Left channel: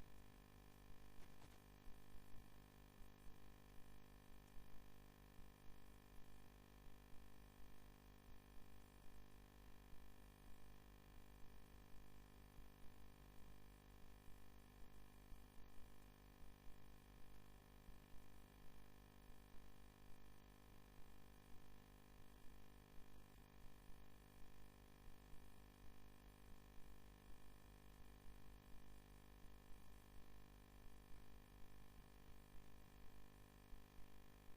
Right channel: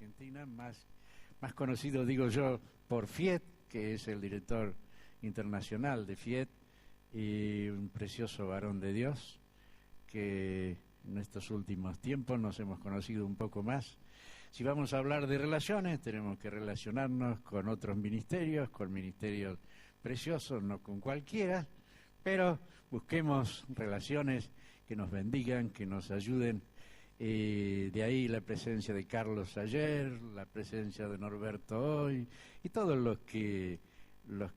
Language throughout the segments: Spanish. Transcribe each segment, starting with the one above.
Argentina, más conocido, digo yo, por Fiet, que es el director internacional de Fiet, y un precioso varón de Dios, que en estos últimos tiempos nos hemos conocido un poco más. Si vamos a hablar de relaciones, tenemos que relacionarnos con otros ministerios, con ministerios preciosos, no con cualquiera, pero busquemos relaciones que nos bendigan, que nos ayuden. De ahí la presencia de Carlos ayer, la presencia de Norberto hoy, y todos los que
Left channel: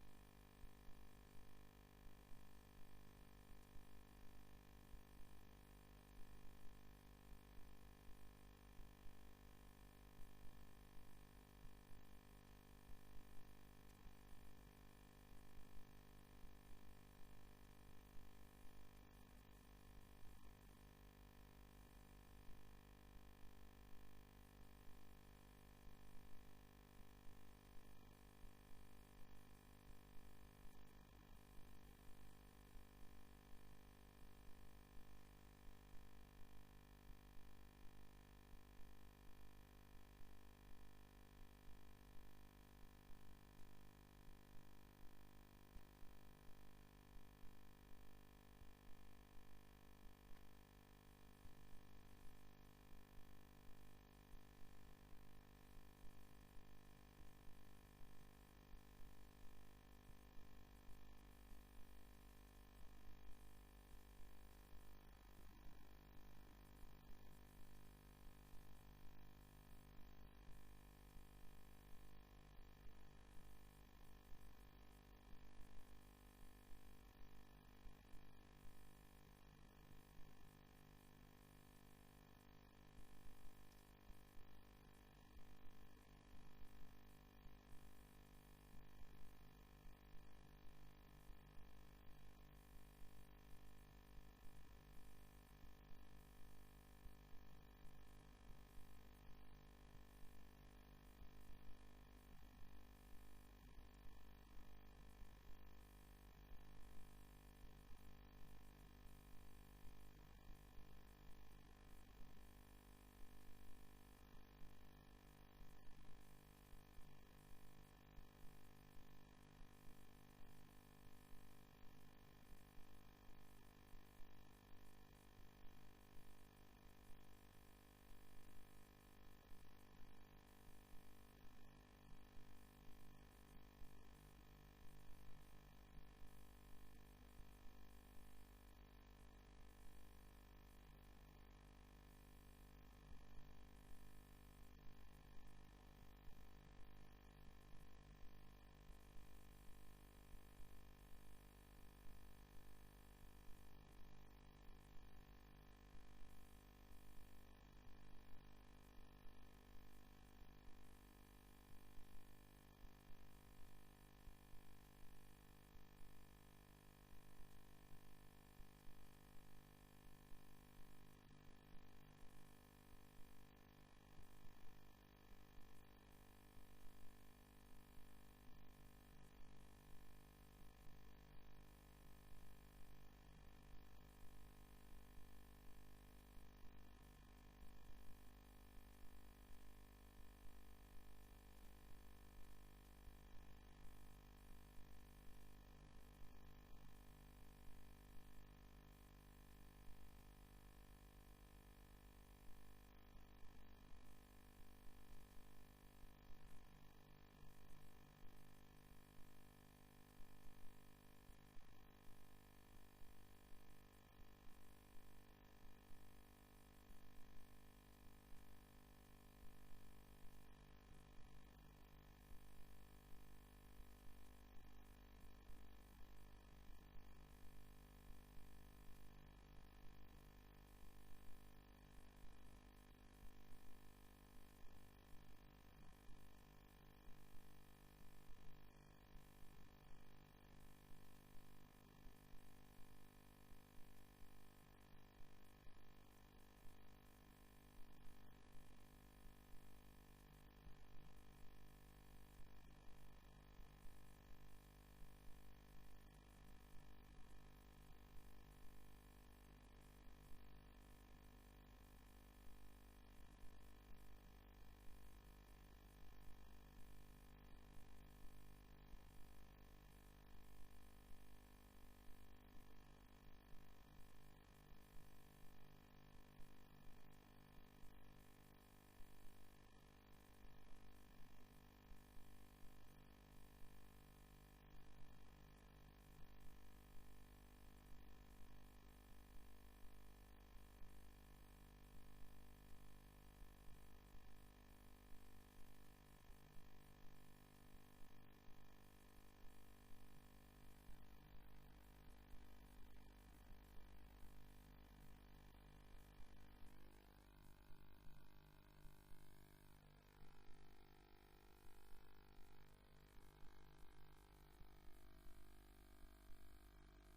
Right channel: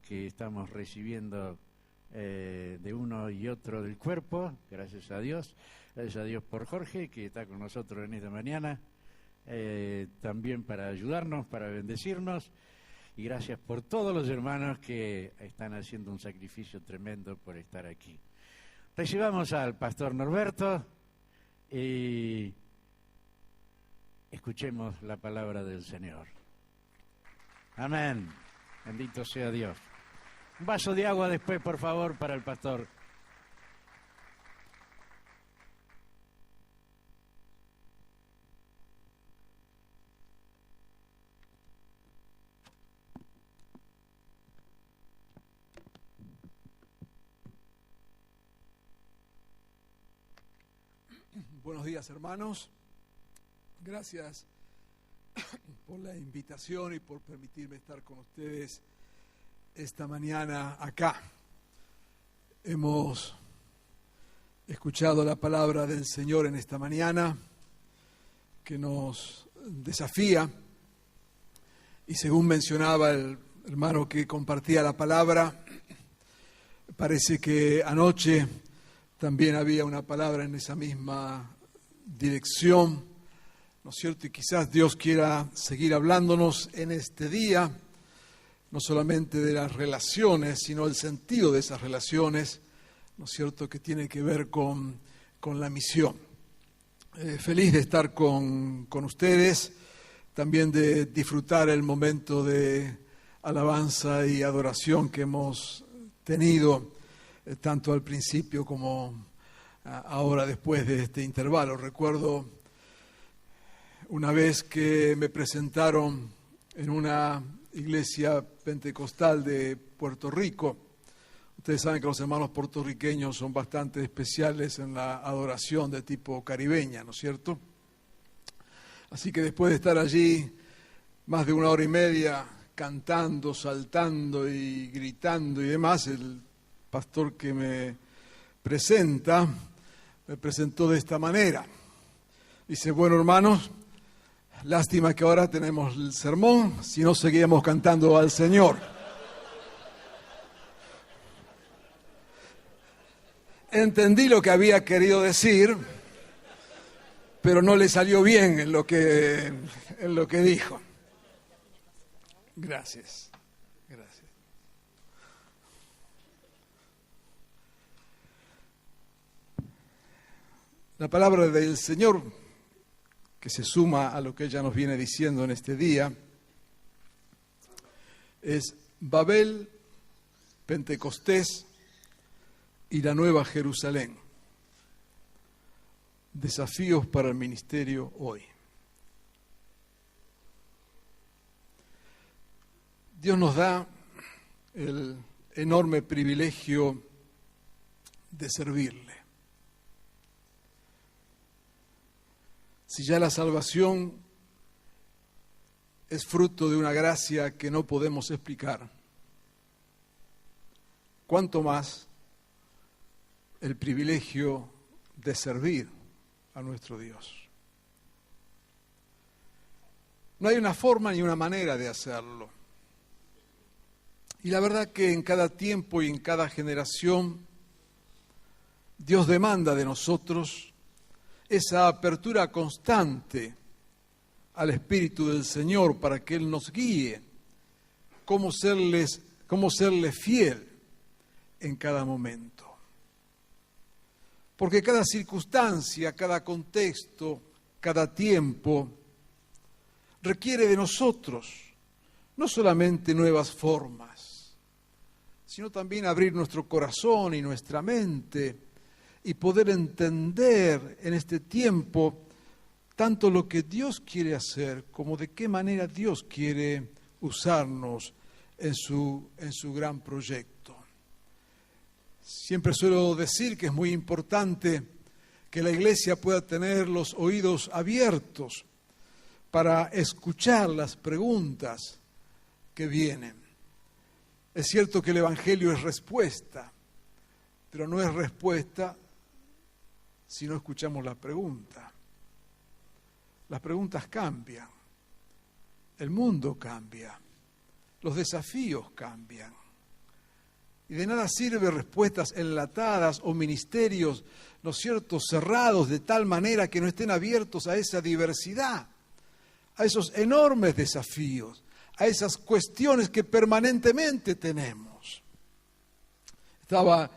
estamos recibiendo de uno y otro del cuerpo, gracias a Dios por Jorge, que está con nosotros en esta mañana, también para ayudarnos, para bendecirnos, y gracias por todos los hermanos que están haciendo un sacrificio tremendo por estar aquí. Recibamos al pastor Norberto y escuchemos la palabra del Señor. Amén. Bendito sea Dios. Un vaso de agua después, por favor, para el pastor. Buenos días, hermanos. Gracias por la invitación y por permitirme estar con ustedes esta mañana acá. Hemos escuchado la palabra del Señor en esta mañana, que nos desafía, y según mencionaba el hermano que compartía la palabra, parece que anoche también había una palabra en esa misma dirección, ¿no es cierto? Y quizás Dios quiera seguir hablándonos en este día, no solamente de las relaciones, sino el sentido de esas relaciones, ¿no es cierto?, que tiene que ver con la misión. Feliz de estar con ustedes, también de disfrutar el momento de alabanza y adoración que hemos tenido, tanto al principio como ahora después de este intervalo. Recuerdo una vez que me presentaron en una iglesia pentecostal de Puerto Rico. Ustedes saben que los hermanos puertorriqueños son bastante especiales en la adoración de tipo caribeña, ¿no es cierto? Así que después de estar allí más de 1 hora y media cantando, saltando y gritando y demás, el pastor que me presentó de esta manera. Dice: bueno, hermanos, lástima que ahora tenemos el sermón, si no seguíamos cantando al Señor. Entendí lo que había querido decir, pero no le salió bien en lo que dijo. Gracias. La palabra del Señor, que se suma a lo que ella nos viene diciendo en este día, es Babel, Pentecostés y la Nueva Jerusalén. Desafíos para el ministerio hoy. Dios nos da el enorme privilegio de servirle. Si ya la salvación es fruto de una gracia que no podemos explicar, ¿cuánto más el privilegio de servir a nuestro Dios? No hay una forma ni una manera de hacerlo. Y la verdad que en cada tiempo y en cada generación Dios demanda de nosotros esa apertura constante al Espíritu del Señor para que Él nos guíe, cómo serle fiel en cada momento. Porque cada circunstancia, cada contexto, cada tiempo requiere de nosotros no solamente nuevas formas, sino también abrir nuestro corazón y nuestra mente y poder entender en este tiempo tanto lo que Dios quiere hacer como de qué manera Dios quiere usarnos en su gran proyecto. Siempre suelo decir que es muy importante que la iglesia pueda tener los oídos abiertos para escuchar las preguntas que vienen. Es cierto que el Evangelio es respuesta, pero no es respuesta si no escuchamos la pregunta. Las preguntas cambian, el mundo cambia, los desafíos cambian. Y de nada sirve respuestas enlatadas o ministerios, ¿no es cierto?, cerrados de tal manera que no estén abiertos a esa diversidad, a esos enormes desafíos, a esas cuestiones que permanentemente tenemos. Estaba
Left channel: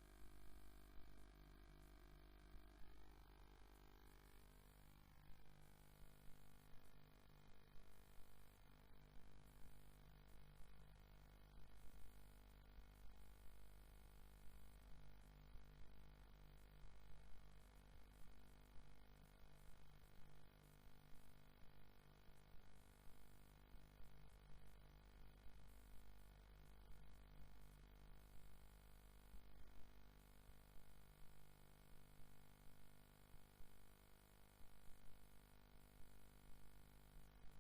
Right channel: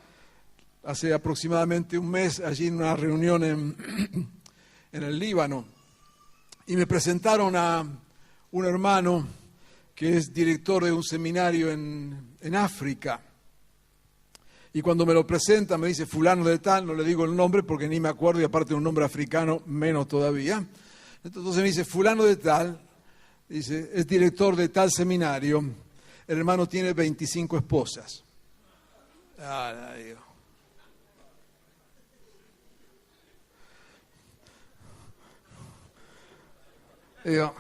hace aproximadamente un mes allí en una reunión en el Líbano y me presentaron a un hermano que es director de un seminario en África. Y cuando me lo presenta me dice fulano de tal, no le digo el nombre porque ni me acuerdo y aparte de un nombre africano menos todavía. Entonces me dice fulano de tal, dice, es director de tal seminario, el hermano tiene 25 esposas. Digo,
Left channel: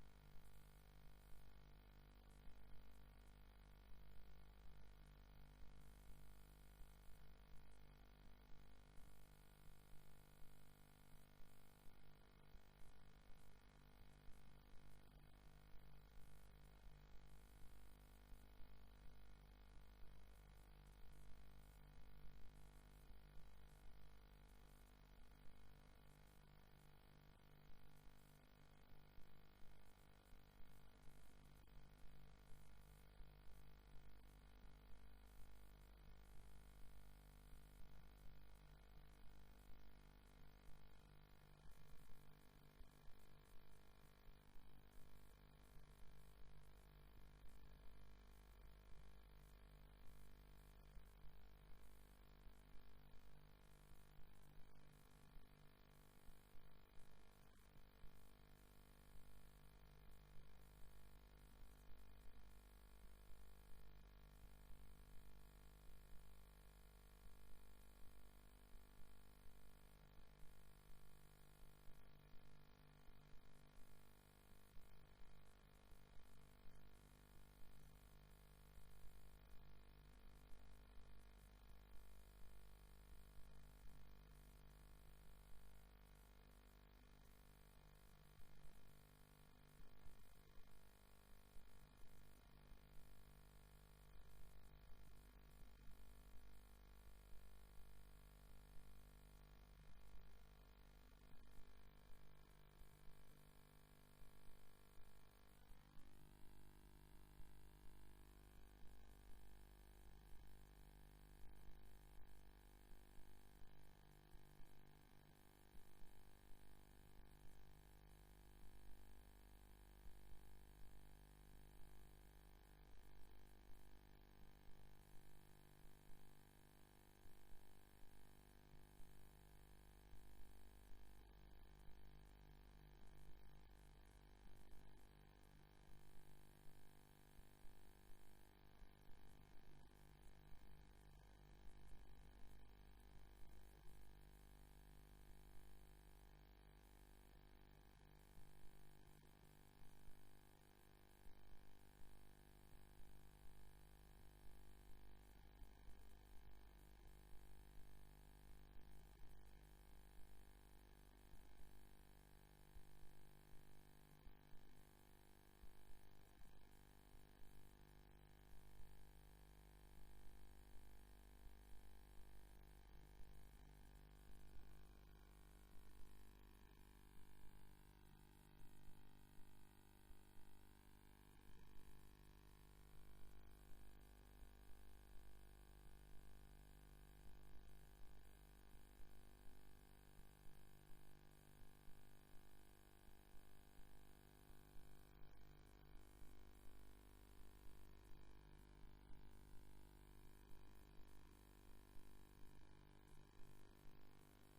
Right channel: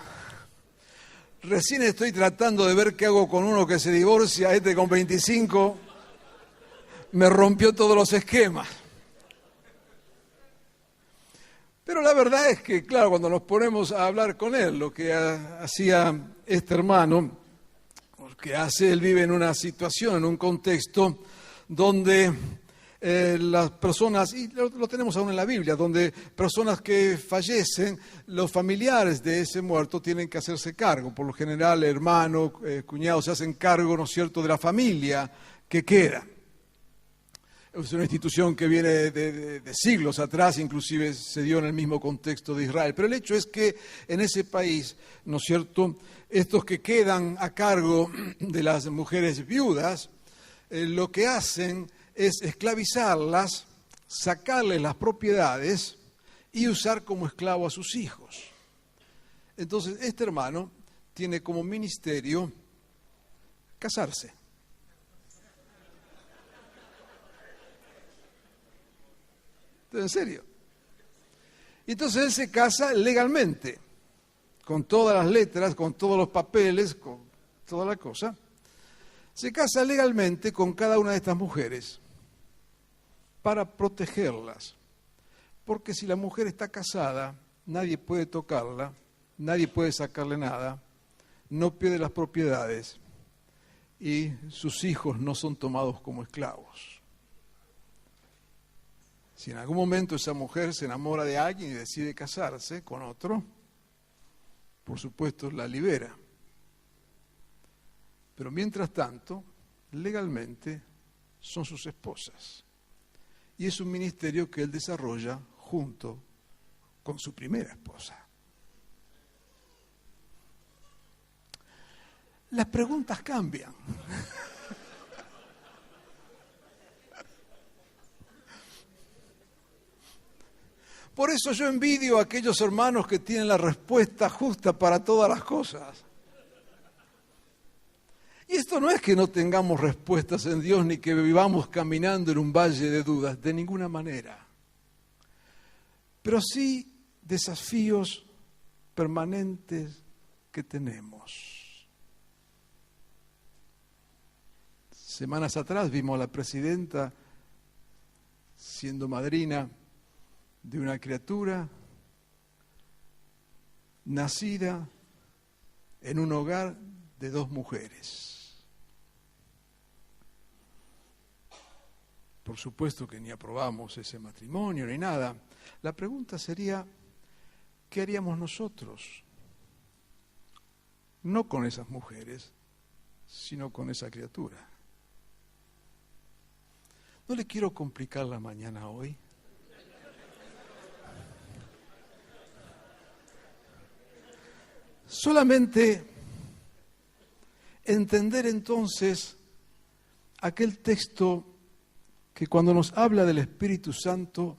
recién estoy tratando de ver qué hago con uno que se divorcia, este con 25 me rompió todos los esquemas. Pero la verdad es que, claro, cuando nos ponemos a hablar con él, lo que hacía este hermano, que hace, él vive en una situación, en un contexto donde las personas, y lo tenemos aún en la Biblia, donde personas que fallecen, los familiares de ese muerto tienen que hacerse cargo. Por lo general, hermanos, cuñados se hacen cargo, ¿no es cierto?, de la familia que queda. Es una institución que viene de siglos atrás, inclusive se dio en el mismo contexto de Israel. Pero el hecho es que en ese país, ¿no es cierto?, estos que quedan a cargo de las mujeres viudas, lo que hacen es esclavizarlas, sacarles las propiedades y usar como esclavo a sus hijos. Entonces, este hermano tiene como ministerio casarse. En serio. Y entonces él se casa legalmente, con todas las letras, con todos los papeles, con toda la cosa. Se casa legalmente con cada una de estas mujeres para protegerlas. Porque si la mujer está casada, nadie puede tocarla, nadie puede sacarle nada, no pierde las propiedades y sus hijos no son tomados como esclavos. Si en algún momento esa mujer se enamora de alguien y decide casarse con otro, por supuesto la libera. Pero mientras tanto, legalmente son sus esposas. Y es un ministerio que él desarrolla junto con su primera esposa. Las preguntas cambian. Por eso yo envidio a aquellos hermanos que tienen la respuesta justa para todas las cosas. Y esto no es que no tengamos respuestas en Dios ni que vivamos caminando en un valle de dudas, de ninguna manera. Pero sí desafíos permanentes que tenemos. Semanas atrás vimos a la presidenta siendo madrina de una criatura nacida en un hogar de 2 mujeres. Por supuesto que ni aprobamos ese matrimonio ni nada. La pregunta sería, ¿qué haríamos nosotros? No con esas mujeres, sino con esa criatura. No le quiero complicar la mañana hoy. Solamente entender entonces aquel texto que cuando nos habla del Espíritu Santo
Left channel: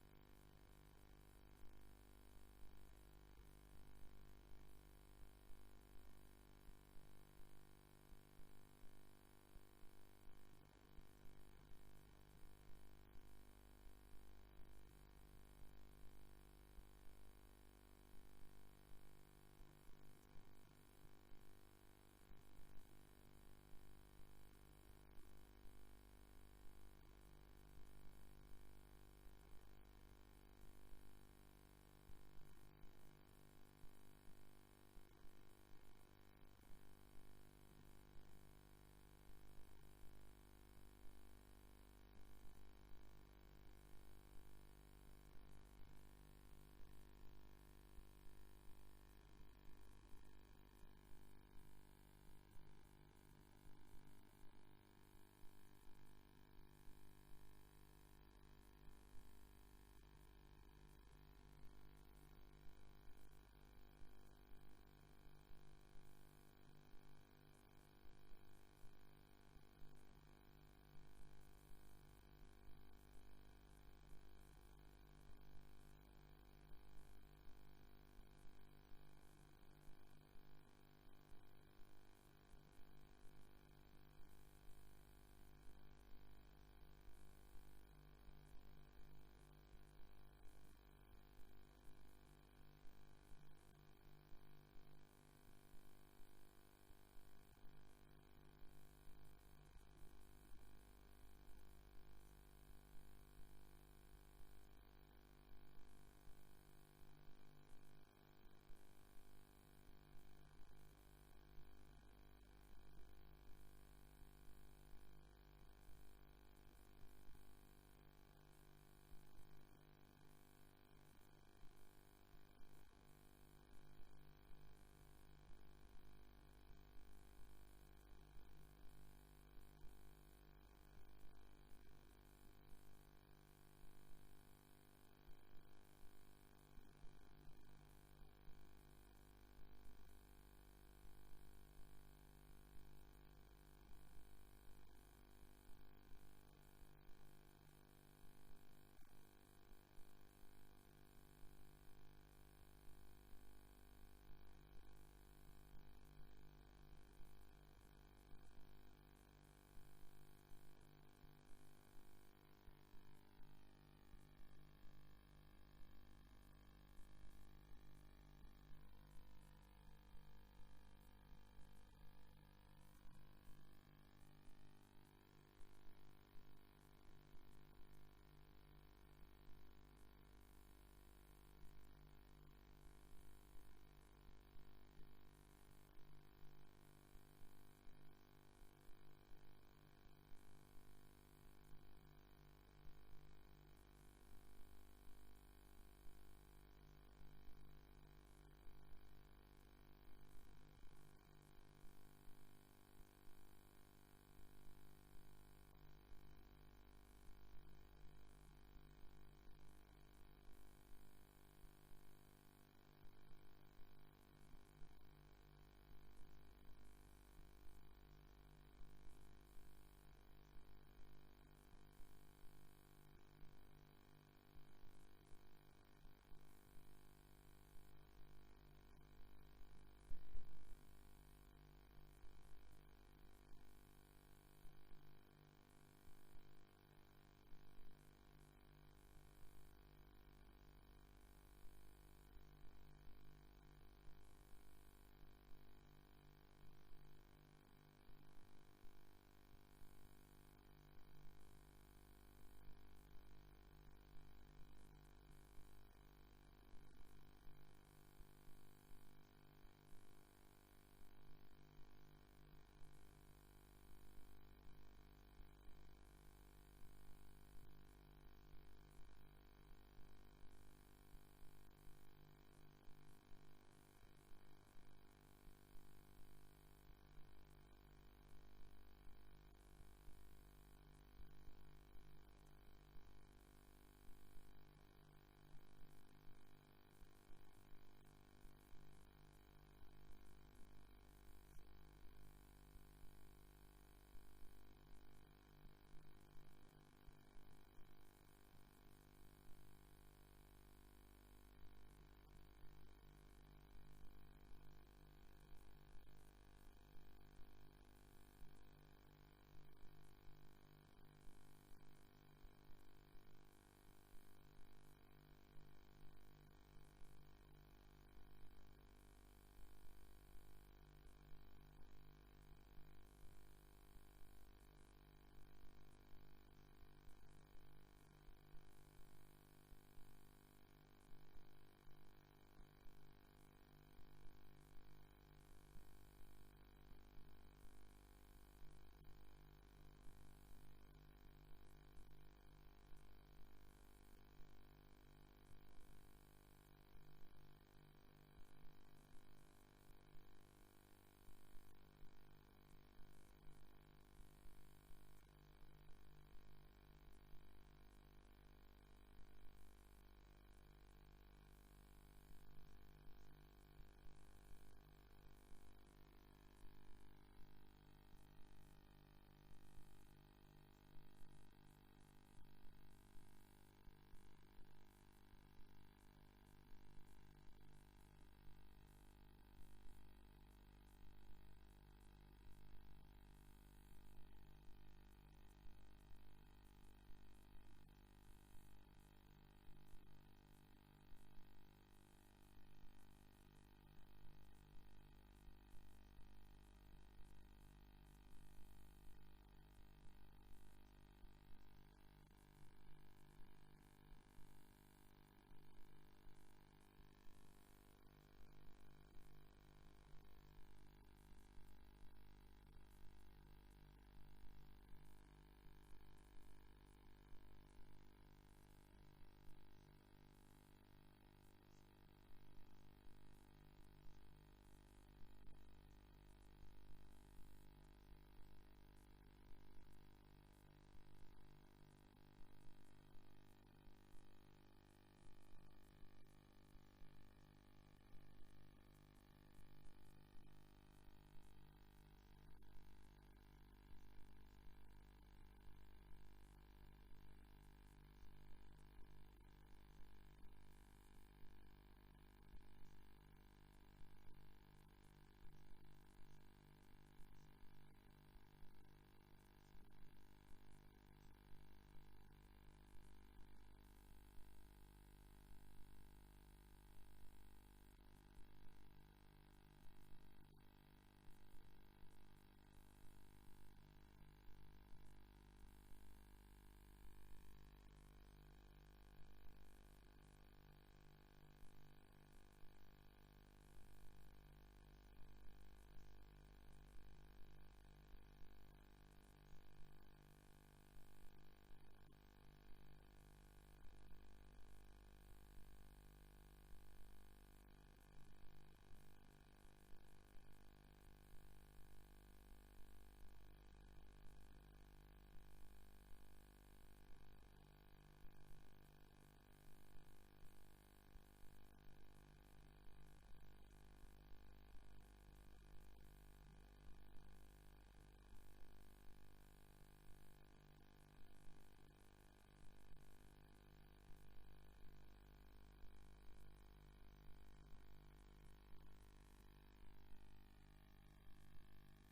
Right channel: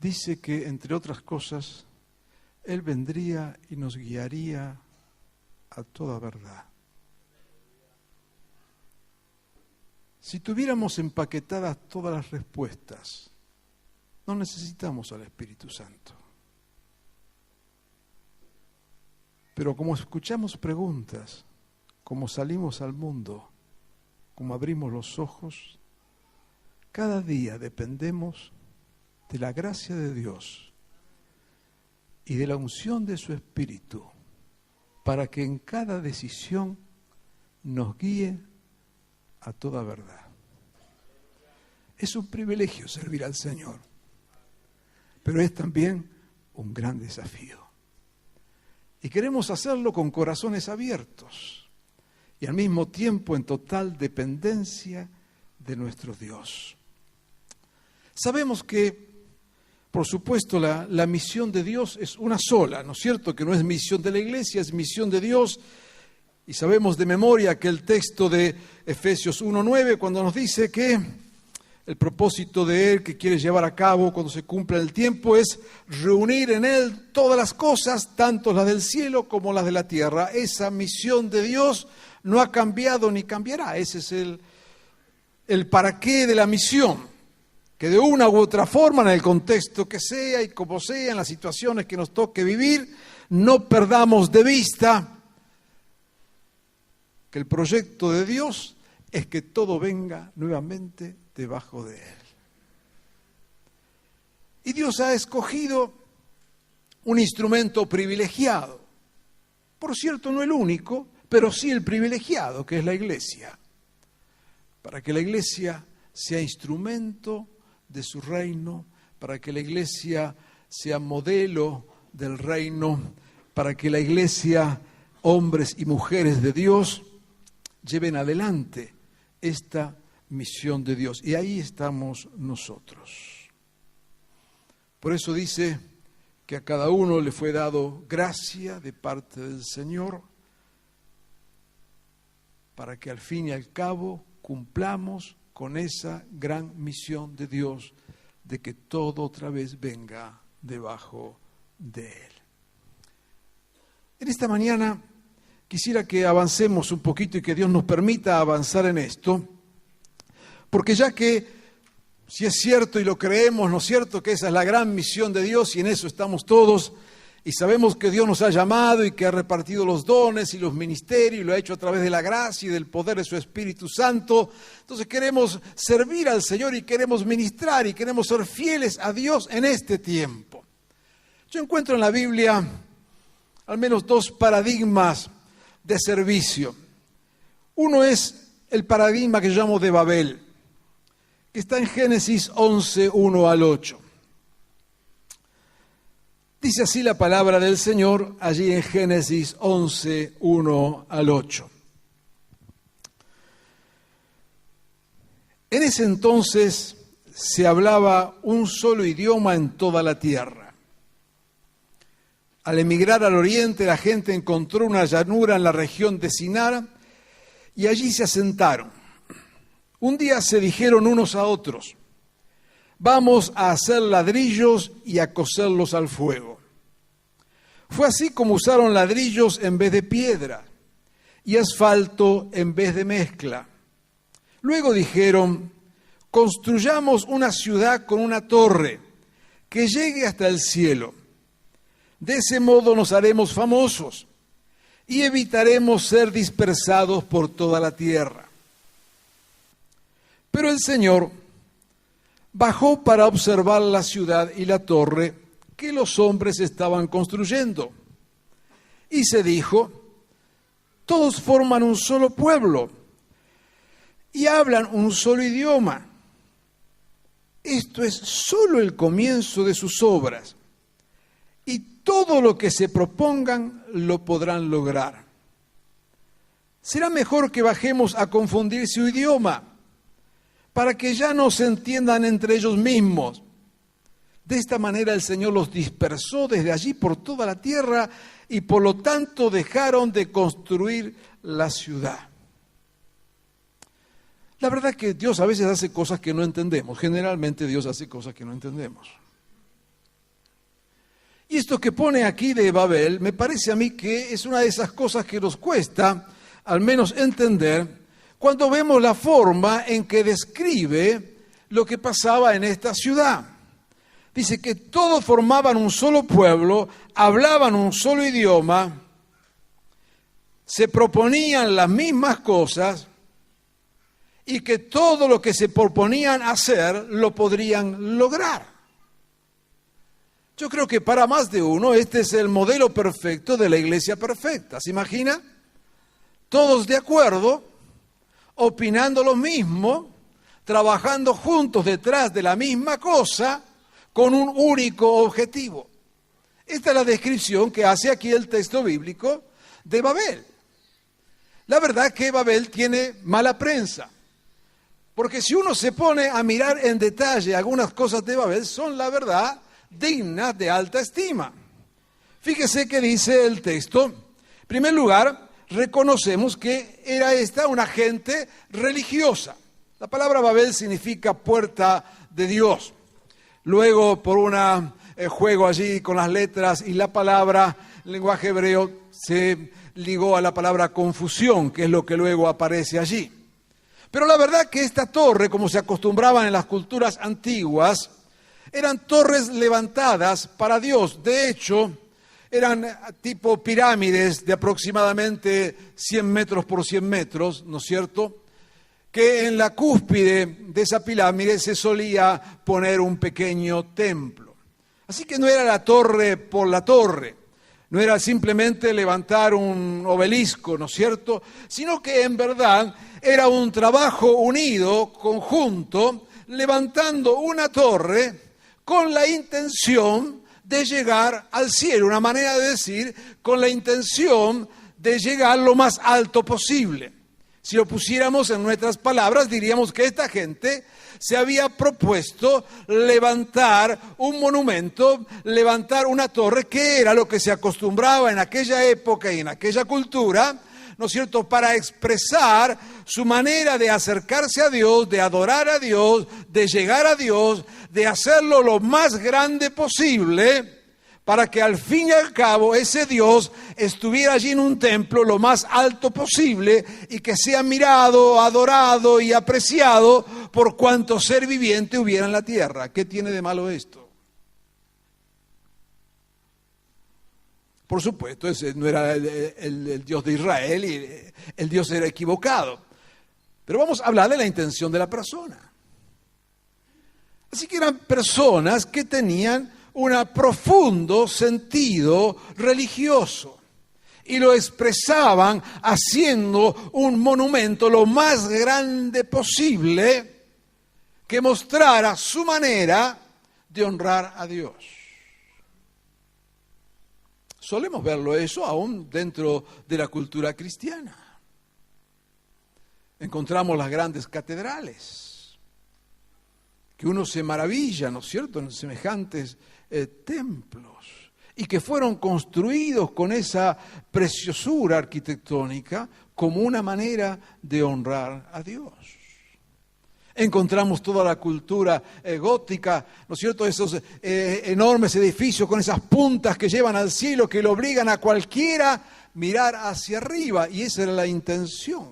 dice que, entre otras cosas, Él vendría y nos guiaría a toda verdad. Si tuviéramos empaquetadas todas las respuestas, no necesitamos al Espíritu Santo. Pero como escuchamos preguntas, como salimos al mundo, como abrimos los ojos, cada día dependemos de la gracia de Dios y de la unción de su Espíritu para que en cada decisión nos guíe a toda verdad. Es un privilegio servir al Señor, pero es también un gran desafío. Y queremos hacerlo con corazones abiertos y al mismo tiempo en total dependencia de nuestro Dios. Sabemos que, por supuesto, la misión de Dios es una sola, ¿no es cierto? Que no es misión de la iglesia, es misión de Dios. Y sabemos de memoria que el texto de Efesios 1:9, cuando nos dice que el propósito de Él que quiere llevar a cabo cuando se cumpla el tiempo es reunir en Él todas las cosas, tanto las del cielo como las de la tierra. Esa misión de Dios no ha cambiado ni cambiará. Ese es el para qué de la misión. Que de una u otra forma, en el contexto que sea y como sea, en las situaciones que nos toque vivir, no perdamos de vista que el proyecto de Dios es que todo venga nuevamente debajo de Él. Y Dios ha escogido un instrumento privilegiado. Por cierto, no el único, pero sí el privilegiado, que es la iglesia. Para que la iglesia sea instrumento de su reino, para que la iglesia sea modelo del reino, para que la iglesia, hombres y mujeres de Dios, lleven adelante esta misión de Dios. Y ahí estamos nosotros. Por eso dice que a cada uno le fue dado gracia de parte del Señor, para que al fin y al cabo cumplamos con esa gran misión de Dios de que todo otra vez venga debajo de Él. En esta mañana quisiera que avancemos un poquito y que Dios nos permita avanzar en esto, porque ya que, si es cierto y lo creemos, ¿no es cierto?, que esa es la gran misión de Dios y en eso estamos todos, y sabemos que Dios nos ha llamado y que ha repartido los dones y los ministerios y lo ha hecho a través de la gracia y del poder de su Espíritu Santo. Entonces queremos servir al Señor y queremos ministrar y queremos ser fieles a Dios en este tiempo. Yo encuentro en la Biblia al menos dos paradigmas de servicio. Uno es el paradigma que yo llamo de Babel, que está en Génesis 11, 1 al 8. Dice así la palabra del Señor allí en Génesis 11, 1 al 8. En ese entonces se hablaba un solo idioma en toda la tierra. Al emigrar al oriente, la gente encontró una llanura en la región de Sinar y allí se asentaron. Un día se dijeron unos a otros: vamos a hacer ladrillos y a cocerlos al fuego. Fue así como usaron ladrillos en vez de piedra y asfalto en vez de mezcla. Luego dijeron: construyamos una ciudad con una torre que llegue hasta el cielo. De ese modo nos haremos famosos y evitaremos ser dispersados por toda la tierra. Pero el Señor bajó para observar la ciudad y la torre que los hombres estaban construyendo. Y se dijo: todos forman un solo pueblo y hablan un solo idioma. Esto es solo el comienzo de sus obras, y todo lo que se propongan lo podrán lograr. Será mejor que bajemos a confundir su idioma, para que ya no se entiendan entre ellos mismos. De esta manera el Señor los dispersó desde allí por toda la tierra y por lo tanto dejaron de construir la ciudad. La verdad es que Dios a veces hace cosas que no entendemos. Generalmente Dios hace cosas que no entendemos. Y esto que pone aquí de Babel, me parece a mí que es una de esas cosas que nos cuesta, al menos entender, cuando vemos la forma en que describe lo que pasaba en esta ciudad. Dice que todos formaban un solo pueblo, hablaban un solo idioma, se proponían las mismas cosas y que todo lo que se proponían hacer lo podrían lograr. Yo creo que para más de uno este es el modelo perfecto de la iglesia perfecta. ¿Se imagina? Todos de acuerdo, opinando lo mismo, trabajando juntos detrás de la misma cosa, con un único objetivo. Esta es la descripción que hace aquí el texto bíblico de Babel. La verdad que Babel tiene mala prensa, porque si uno se pone a mirar en detalle algunas cosas de Babel, son la verdad dignas de alta estima. Fíjese que dice el texto, en primer lugar, reconocemos que era esta una gente religiosa. La palabra Babel significa puerta de Dios. Luego, por un juego allí con las letras y la palabra, el lenguaje hebreo se ligó a la palabra confusión, que es lo que luego aparece allí. Pero la verdad que esta torre, como se acostumbraban en las culturas antiguas, eran torres levantadas para Dios. De hecho, eran tipo pirámides de aproximadamente 100 metros por 100 metros, ¿no es cierto?, que en la cúspide de esa pirámide se solía poner un pequeño templo. Así que no era la torre por la torre, no era simplemente levantar un obelisco, ¿no es cierto?, sino que en verdad era un trabajo unido, conjunto, levantando una torre con la intención de llegar al cielo, una manera de decir, con la intención de llegar lo más alto posible. Si lo pusiéramos en nuestras palabras, diríamos que esta gente se había propuesto levantar un monumento, levantar una torre, que era lo que se acostumbraba en aquella época y en aquella cultura, ¿no es cierto?, para expresar su manera de acercarse a Dios, de adorar a Dios, de llegar a Dios, de hacerlo lo más grande posible, para que al fin y al cabo ese Dios estuviera allí en un templo lo más alto posible y que sea mirado, adorado y apreciado por cuanto ser viviente hubiera en la tierra. ¿Qué tiene de malo esto? Por supuesto, ese no era el Dios de Israel y el Dios era equivocado. Pero vamos a hablar de la intención de la persona. Así que eran personas que tenían un profundo sentido religioso y lo expresaban haciendo un monumento lo más grande posible que mostrara su manera de honrar a Dios. Solemos verlo eso aún dentro de la cultura cristiana. Encontramos las grandes catedrales, que uno se maravilla, ¿no es cierto?, en semejantes templos, y que fueron construidos con esa preciosura arquitectónica como una manera de honrar a Dios. Encontramos toda la cultura gótica, ¿no es cierto?, esos enormes edificios con esas puntas que llevan al cielo, que lo obligan a cualquiera mirar hacia arriba, y esa era la intención.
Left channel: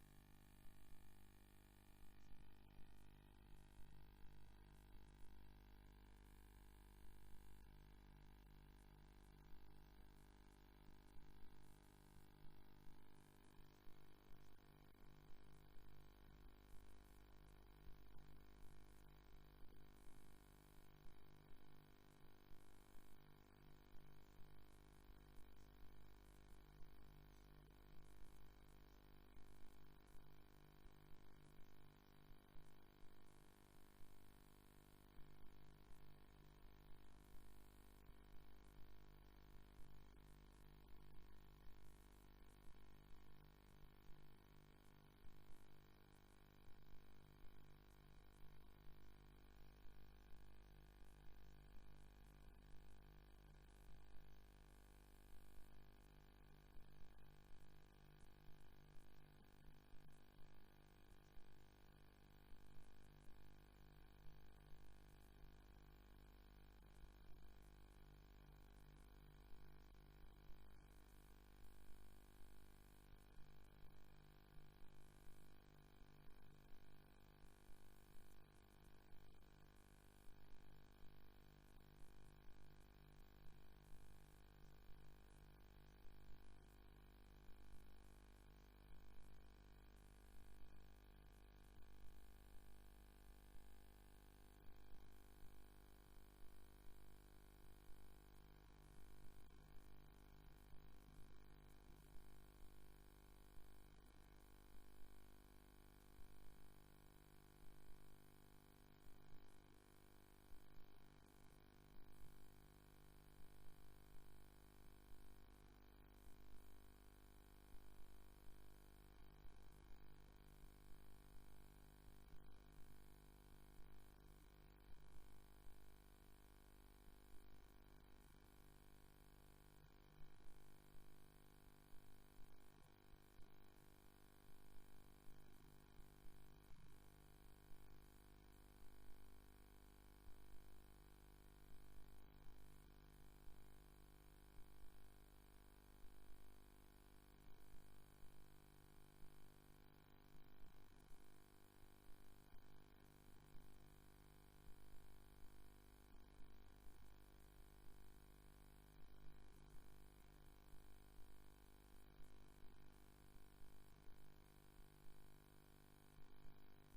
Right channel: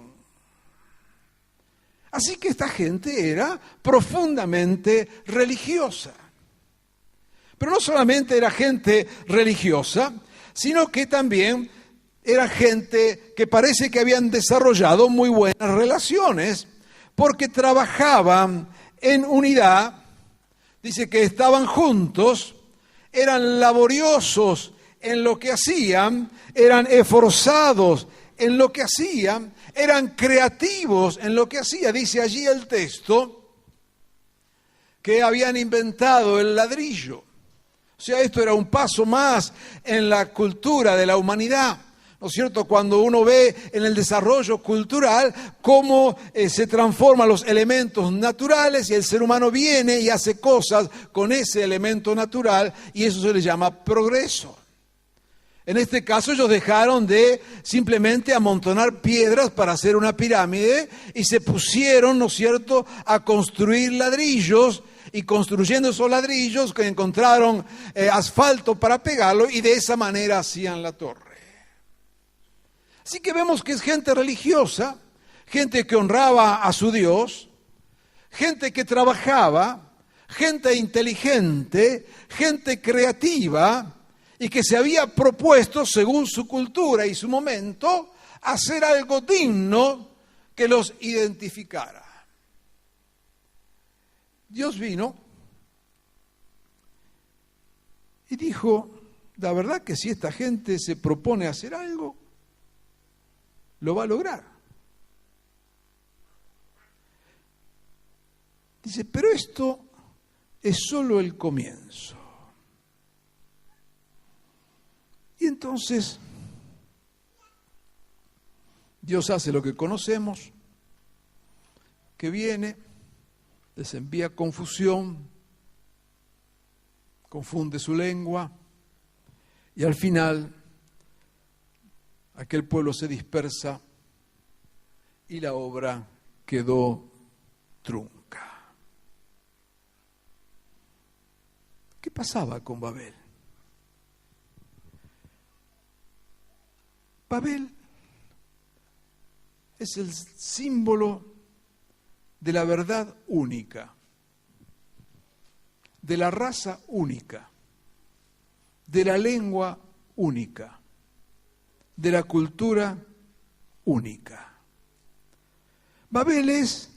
Así que esta gente era profundamente religiosa. Pero no solamente era gente religiosa, sino que también era gente que parece que habían desarrollado muy buenas relaciones, porque trabajaban en unidad, dice que estaban juntos, eran laboriosos en lo que hacían, eran esforzados en lo que hacían, eran creativos en lo que hacían. Dice allí el texto que habían inventado el ladrillo. O sea, esto era un paso más en la cultura de la humanidad, ¿no es cierto? Cuando uno ve en el desarrollo cultural cómo se transforman los elementos naturales y el ser humano viene y hace cosas con ese elemento natural y eso se le llama progreso. En este caso ellos dejaron de simplemente amontonar piedras para hacer una pirámide y se pusieron, ¿no es cierto?, a construir ladrillos y construyendo esos ladrillos que encontraron asfalto para pegarlo y de esa manera hacían la torre. Así que vemos que es gente religiosa, gente que honraba a su Dios, gente que trabajaba, gente inteligente, gente creativa y que se había propuesto, según su cultura y su momento, hacer algo digno que los identificara. Dios vino y dijo, la verdad que si esta gente se propone hacer algo, lo va a lograr. Dice, pero esto es solo el comienzo. Y entonces Dios hace lo que conocemos, que viene, les envía confusión, confunde su lengua y al final aquel pueblo se dispersa y la obra quedó trunca. ¿Qué pasaba con Babel? Babel es el símbolo de la verdad única, de la raza única, de la lengua única, de la cultura única. Babel es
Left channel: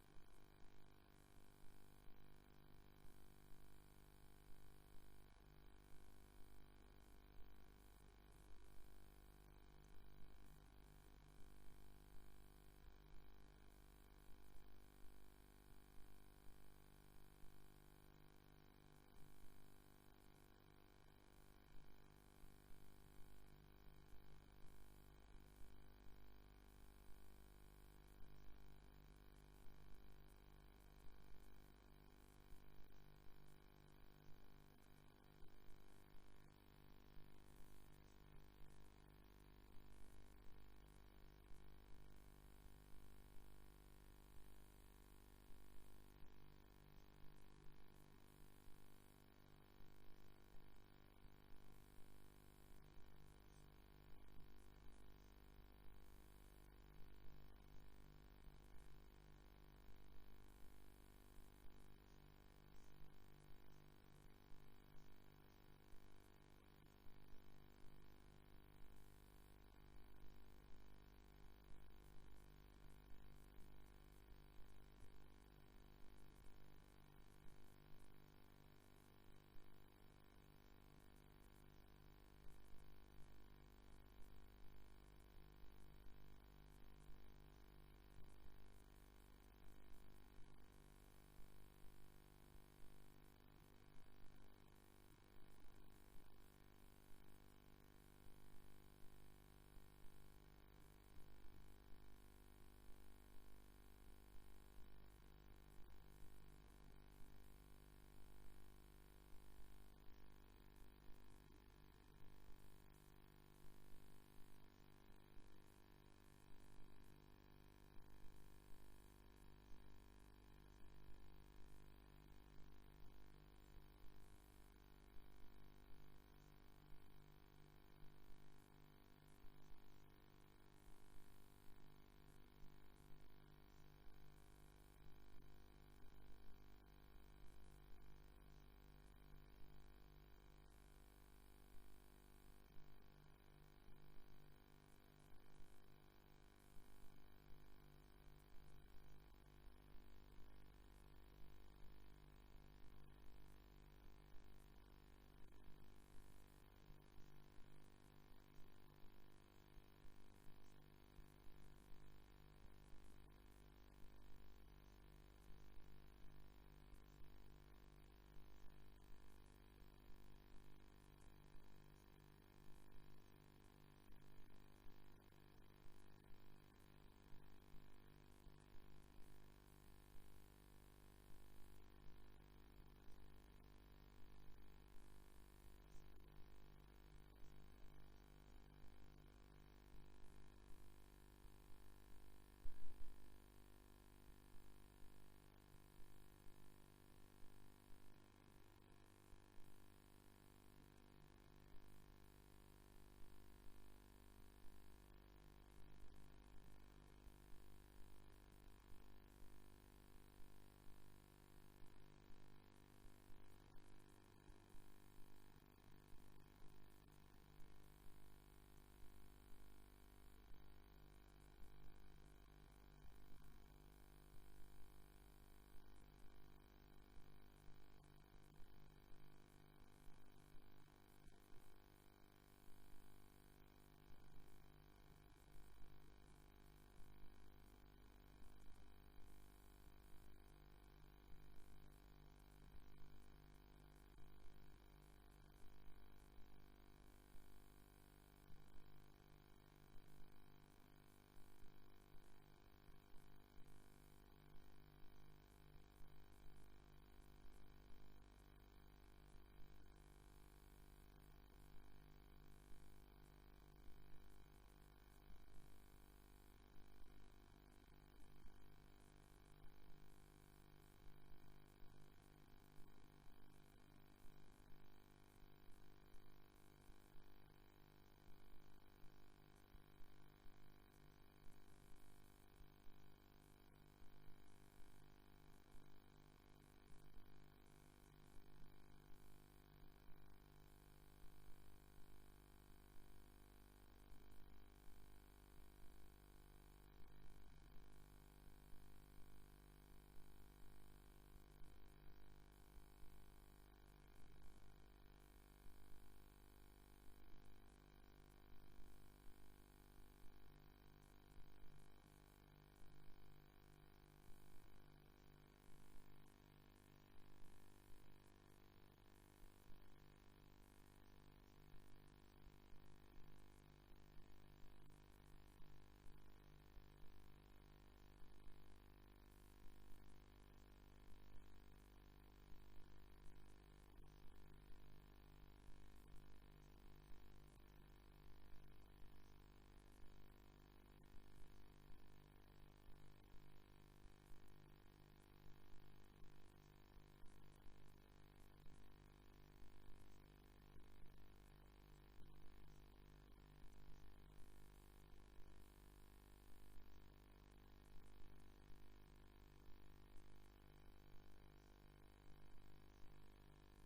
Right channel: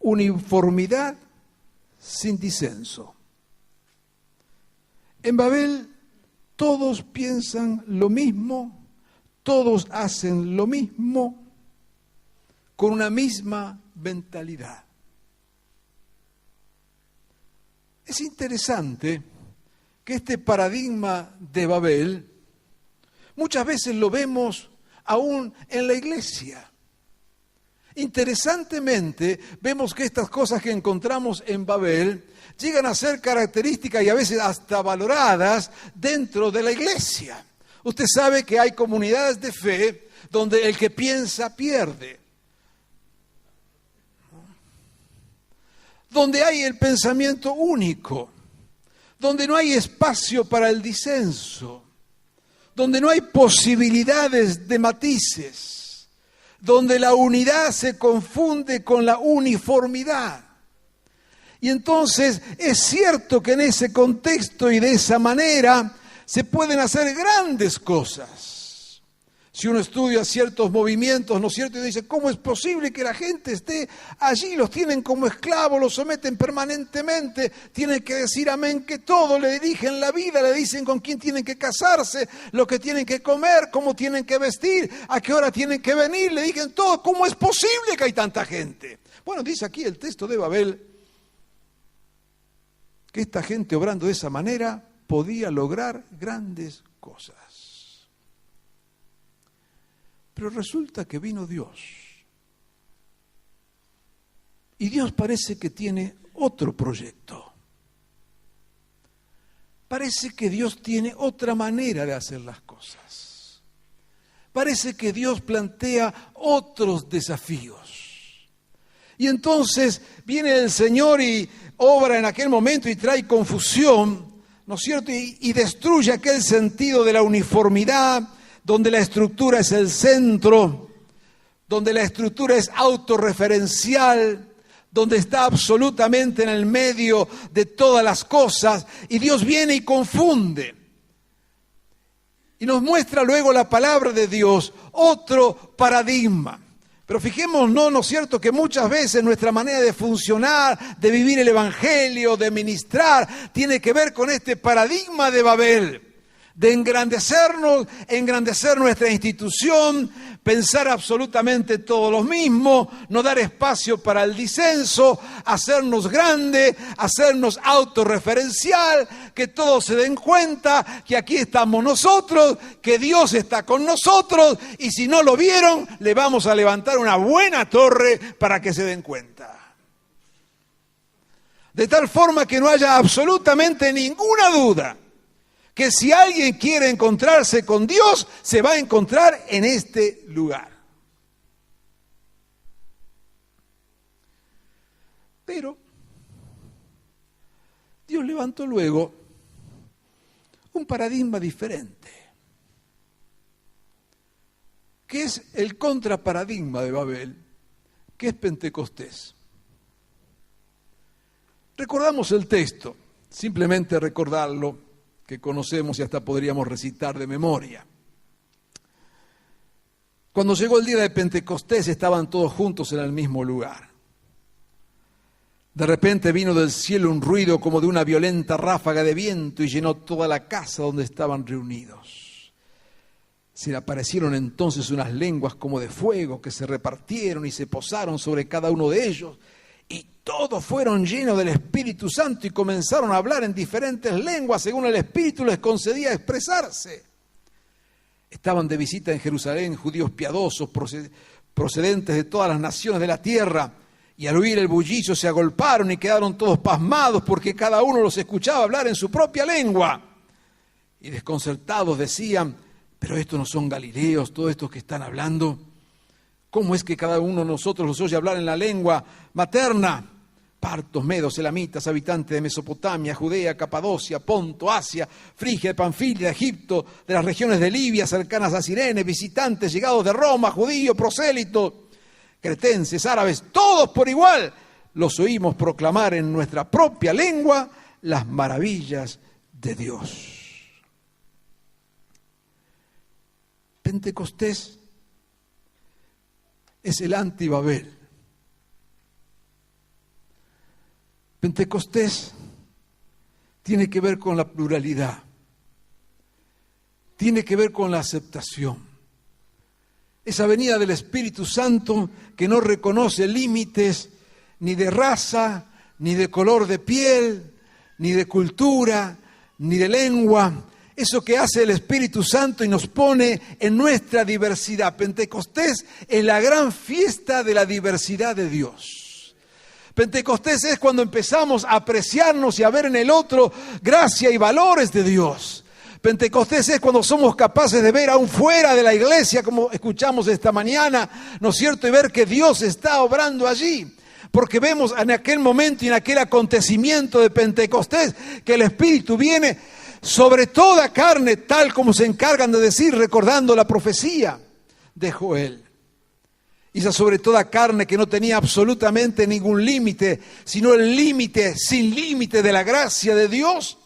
uniformidad sin disenso. En Babel todos piensan lo mismo, todos hacen lo mismo, con una misma mentalidad. Es interesante que este paradigma de Babel muchas veces lo vemos aún en la iglesia. Interesantemente, vemos que estas cosas que encontramos en Babel llegan a ser características y a veces hasta valoradas dentro de la iglesia. Usted sabe que hay comunidades de fe donde el que piensa pierde, donde hay el pensamiento único, donde no hay espacio para el disenso, donde no hay posibilidades de matices, donde la unidad se confunde con la uniformidad. Y entonces es cierto que en ese contexto y de esa manera se pueden hacer grandes cosas. Si uno estudia ciertos movimientos, ¿no es cierto? Y dice, ¿cómo es posible que la gente esté allí? Los tienen como esclavos, los someten permanentemente, tienen que decir amén que todo, le dirigen la vida, le dicen con quién tienen que casarse, lo que tienen que comer, cómo tienen que vestir, a qué hora tienen que venir, le dicen todo. ¿Cómo es posible que hay tanta gente? Bueno, dice aquí el texto de Babel que esta gente obrando de esa manera podía lograr grandes cosas. Pero resulta que vino Dios. Y Dios parece que tiene otro proyecto. Parece que Dios tiene otra manera de hacer las cosas. Parece que Dios plantea otros desafíos. Y entonces viene el Señor y obra en aquel momento y trae confusión, ¿no es cierto? Y destruye aquel sentido de la uniformidad, donde la estructura es el centro, donde la estructura es autorreferencial, donde está absolutamente en el medio de todas las cosas, y Dios viene y confunde. Y nos muestra luego la palabra de Dios, otro paradigma. Pero fijémonos, ¿no es cierto?, que muchas veces nuestra manera de funcionar, de vivir el evangelio, de ministrar, tiene que ver con este paradigma de Babel. De engrandecernos, engrandecer nuestra institución, pensar absolutamente todo lo mismo, no dar espacio para el disenso, hacernos grande, hacernos autorreferencial, que todos se den cuenta que aquí estamos nosotros, que Dios está con nosotros, y si no lo vieron, le vamos a levantar una buena torre para que se den cuenta. De tal forma que no haya absolutamente ninguna duda que si alguien quiere encontrarse con Dios, se va a encontrar en este lugar. Pero Dios levantó luego un paradigma diferente, que es el contraparadigma de Babel, que es Pentecostés. Recordamos el texto, simplemente recordarlo, que conocemos y hasta podríamos recitar de memoria. Cuando llegó el día de Pentecostés estaban todos juntos en el mismo lugar. De repente vino del cielo un ruido como de una violenta ráfaga de viento y llenó toda la casa donde estaban reunidos. Se le aparecieron entonces unas lenguas como de fuego que se repartieron y se posaron sobre cada uno de ellos. Y todos fueron llenos del Espíritu Santo y comenzaron a hablar en diferentes lenguas según el Espíritu les concedía expresarse. Estaban de visita en Jerusalén judíos piadosos procedentes de todas las naciones de la tierra, y al oír el bullicio se agolparon y quedaron todos pasmados porque cada uno los escuchaba hablar en su propia lengua. Y desconcertados decían: pero estos no son galileos, todos estos que están hablando. ¿Cómo es que cada uno de nosotros los oye hablar en la lengua materna? Partos, medos, elamitas, habitantes de Mesopotamia, Judea, Capadocia, Ponto, Asia, Frigia, Panfilia, Egipto, de las regiones de Libia, cercanas a Cirene, visitantes llegados de Roma, judíos, prosélitos, cretenses, árabes, todos por igual, los oímos proclamar en nuestra propia lengua las maravillas de Dios. Pentecostés es el anti-Babel. Pentecostés tiene que ver con la pluralidad, tiene que ver con la aceptación. Esa venida del Espíritu Santo que no reconoce límites ni de raza, ni de color de piel, ni de cultura, ni de lengua. Eso que hace el Espíritu Santo y nos pone en nuestra diversidad. Pentecostés es la gran fiesta de la diversidad de Dios. Pentecostés es cuando empezamos a apreciarnos y a ver en el otro gracia y valores de Dios. Pentecostés es cuando somos capaces de ver aún fuera de la iglesia, como escuchamos esta mañana, ¿no es cierto? Y ver que Dios está obrando allí. Porque vemos en aquel momento y en aquel acontecimiento de Pentecostés que el Espíritu viene sobre toda carne, tal como se encargan de decir, recordando la profecía de Joel. Y esa sobre toda carne que no tenía absolutamente ningún límite, sino el límite sin límite de la gracia de Dios,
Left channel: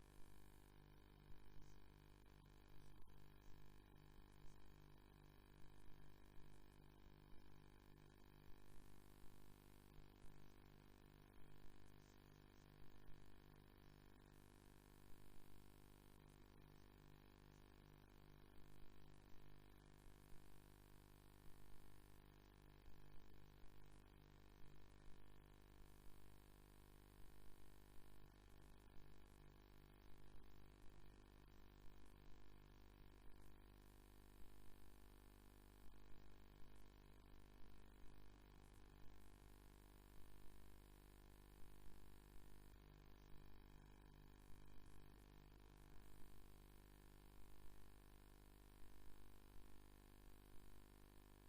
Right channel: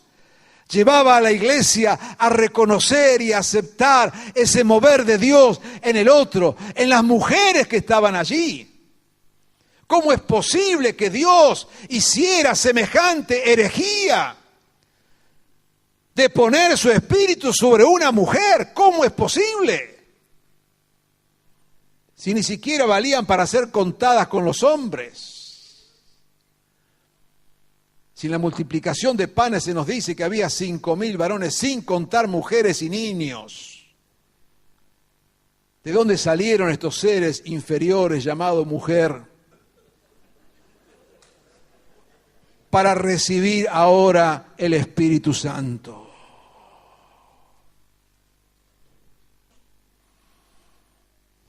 llevaba a la iglesia a reconocer y a aceptar ese mover de Dios en el otro, en las mujeres que estaban allí. ¿Cómo es posible que Dios hiciera semejante herejía de poner su espíritu sobre una mujer? ¿Cómo es posible? Si ni siquiera valían para ser contadas con los hombres. Si en la multiplicación de panes se nos dice que había 5,000 varones, sin contar mujeres y niños. ¿De dónde salieron estos seres inferiores llamados mujer para recibir ahora el Espíritu Santo?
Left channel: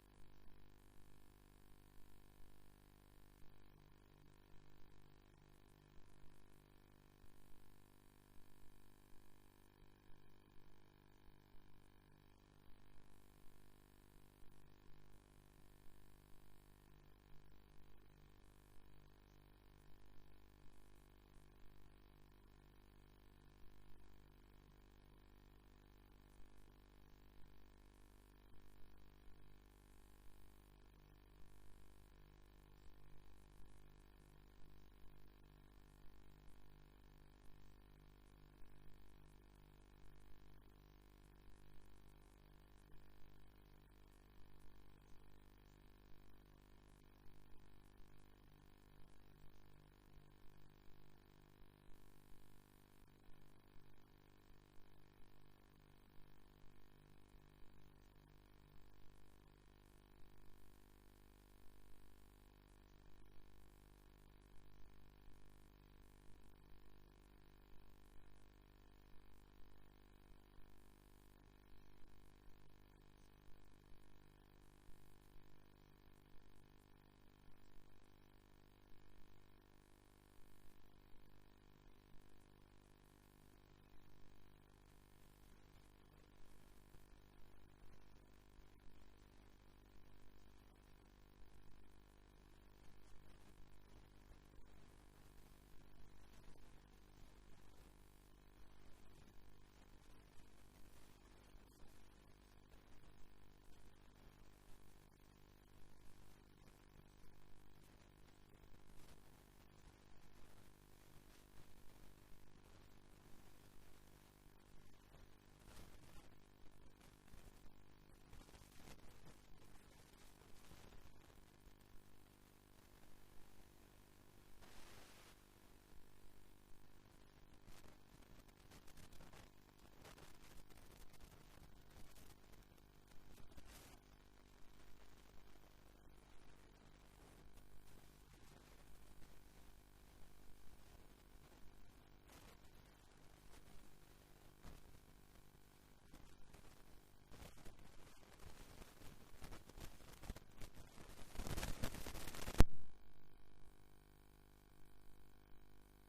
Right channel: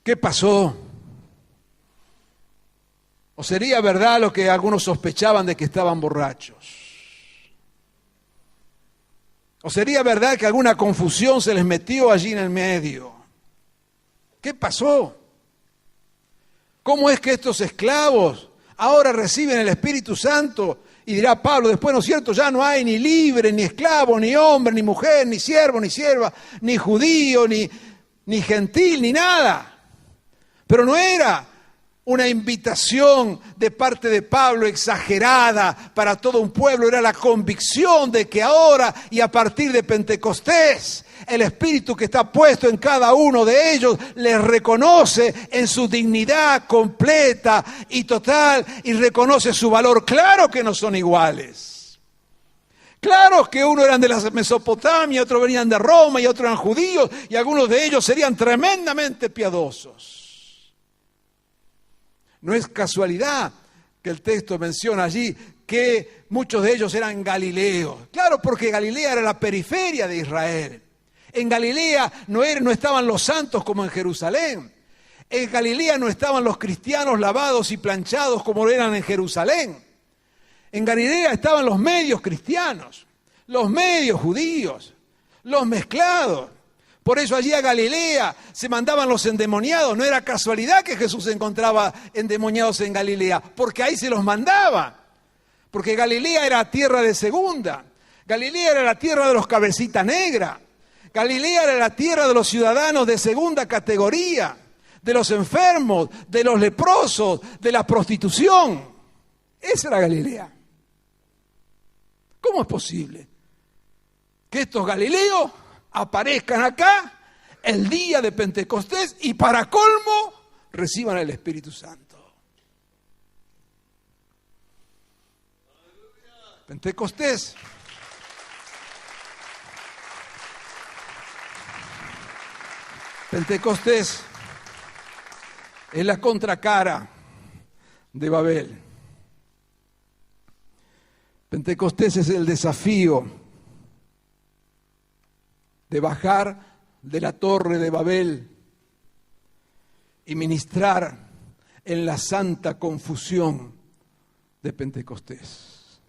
¿Qué pasó? ¿O sería verdad lo que algunos sospechaban de que estaban borrachos? ¿O sería verdad que alguna confusión se les metió allí en el medio? ¿Qué pasó? ¿Cómo es que estos esclavos ahora reciben el Espíritu Santo? Y dirá Pablo después, ¿no es cierto? Ya no hay ni libre, ni esclavo, ni hombre, ni mujer, ni siervo, ni sierva, ni judío, ni gentil, ni nada. Pero no era una invitación de parte de Pablo exagerada para todo un pueblo, era la convicción de que ahora y a partir de Pentecostés, el Espíritu que está puesto en cada uno de ellos les reconoce en su dignidad completa y total y reconoce su valor. Claro que no son iguales. Claro que uno eran de la Mesopotamia, otros venían de Roma y otros eran judíos y algunos de ellos serían tremendamente piadosos. No es casualidad que el texto menciona allí que muchos de ellos eran galileos. Claro, porque Galilea era la periferia de Israel. En Galilea no estaban los santos como en Jerusalén. En Galilea no estaban los cristianos lavados y planchados como eran en Jerusalén. En Galilea estaban los medios cristianos, los medios judíos, los mezclados. Por eso allí a Galilea se mandaban los endemoniados. No era casualidad que Jesús encontraba endemoniados en Galilea, porque ahí se los mandaba. Porque Galilea era tierra de segunda. Galilea era la tierra de los cabecitas negras. Galilea era la tierra de los ciudadanos de segunda categoría, de los enfermos, de los leprosos, de la prostitución. Esa era Galilea. ¿Cómo es posible que estos galileos aparezcan acá el día de Pentecostés y para colmo reciban el Espíritu Santo? Pentecostés es la contracara de Babel. Pentecostés es el desafío de bajar de la torre de Babel y ministrar en la santa confusión de Pentecostés.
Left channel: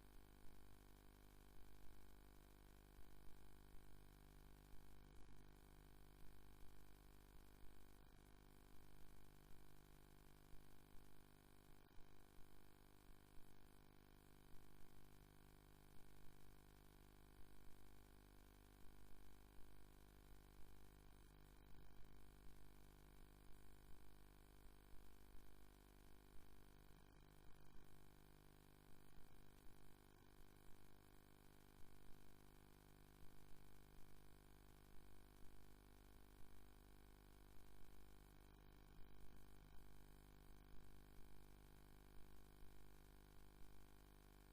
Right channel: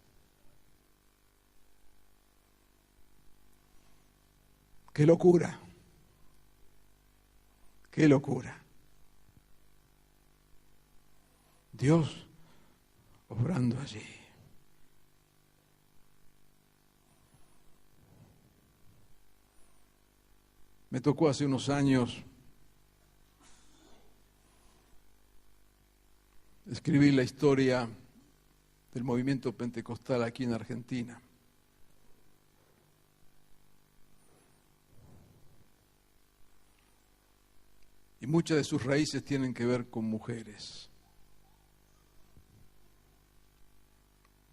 ¡Qué locura! ¡Qué locura! Dios obrando allí. Me tocó hace unos años escribir la historia del movimiento pentecostal aquí en Argentina. Y muchas de sus raíces tienen que ver con mujeres.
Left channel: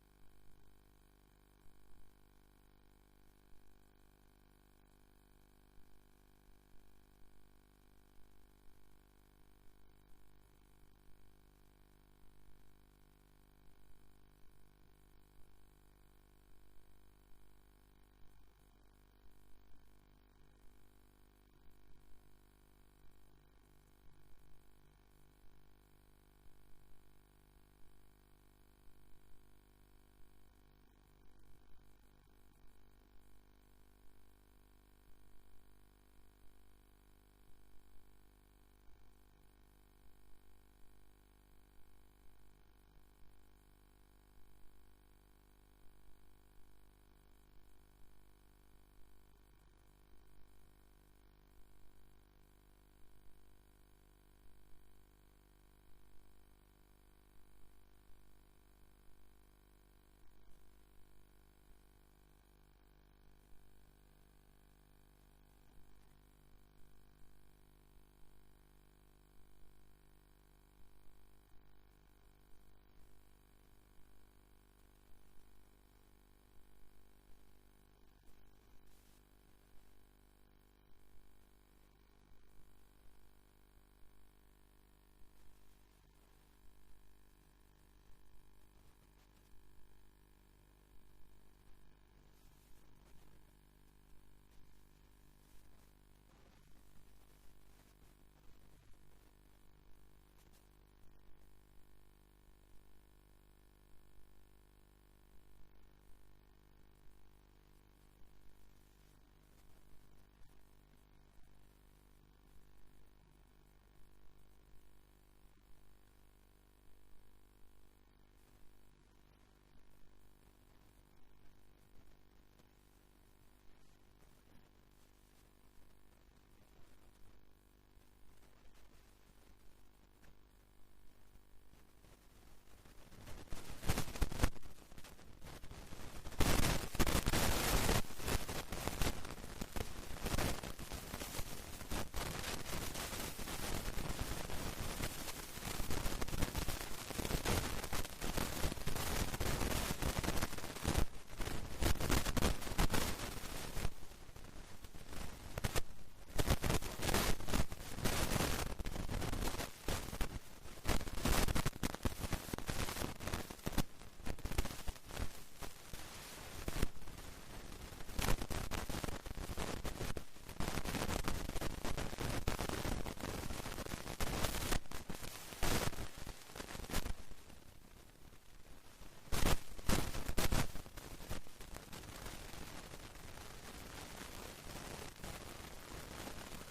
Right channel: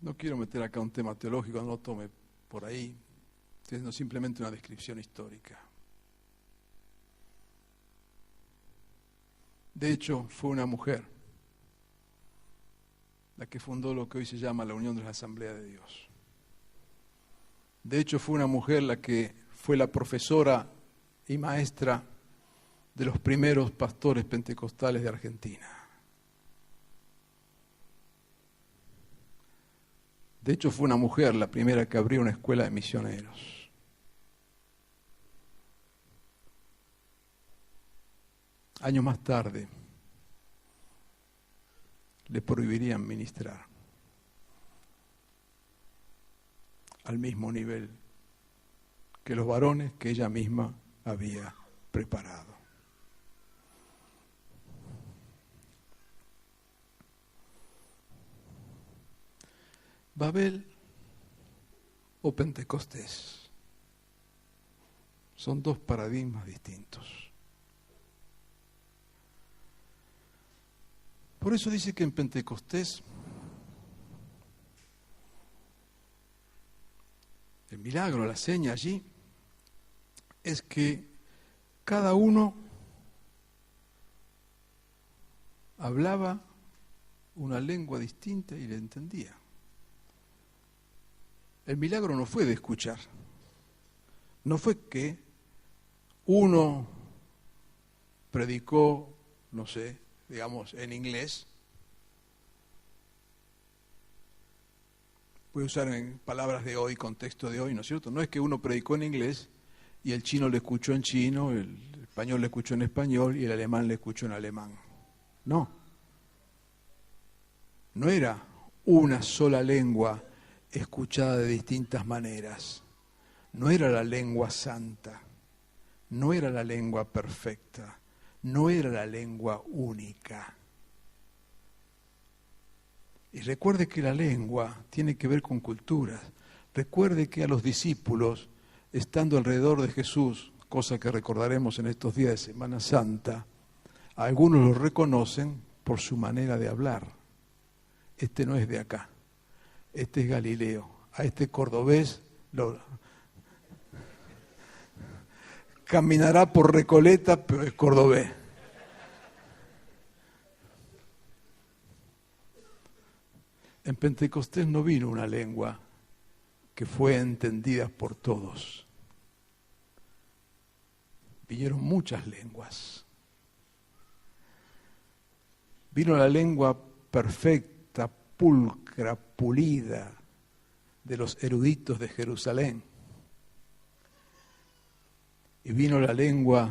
No quiero meter acá un tema teológico, no lo tome por ahí, sino simplemente una descripción histórica. De hecho, fue una mujer la que fundó lo que hoy se llama la Unión de la Asamblea de Dios. De hecho, fue una mujer la que fue la profesora y maestra de los primeros pastores pentecostales de Argentina. De hecho, fue una mujer la primera que abrió una escuela de misioneros. Años más tarde, le prohibirían ministrar al mismo nivel que los varones que ella misma había preparado. Babel o Pentecostés son dos paradigmas distintos. Por eso dice que en Pentecostés el milagro, la seña allí, es que cada uno hablaba una lengua distinta y le entendía. El milagro no fue de escuchar, no fue que uno predicó, no sé, digamos, en inglés. Voy a usar en palabras de hoy, contexto de hoy, ¿no es cierto? No es que uno predicó en inglés y el chino le escuchó en chino, el español le escuchó en español y el alemán le escuchó en alemán. No. No era una sola lengua escuchada de distintas maneras. No era la lengua santa, no era la lengua perfecta, no era la lengua única. Y recuerde que la lengua tiene que ver con culturas. Recuerde que a los discípulos, estando alrededor de Jesús, cosa que recordaremos en estos días de Semana Santa, algunos lo reconocen por su manera de hablar. Este no es de acá, este es Galileo, a este cordobés caminará por Recoleta, pero es cordobés. En Pentecostés no vino una lengua que fue entendida por todos. Vinieron muchas lenguas. Vino la lengua perfecta, pulcra, álgebra pulida de los eruditos de Jerusalén. Y vino la lengua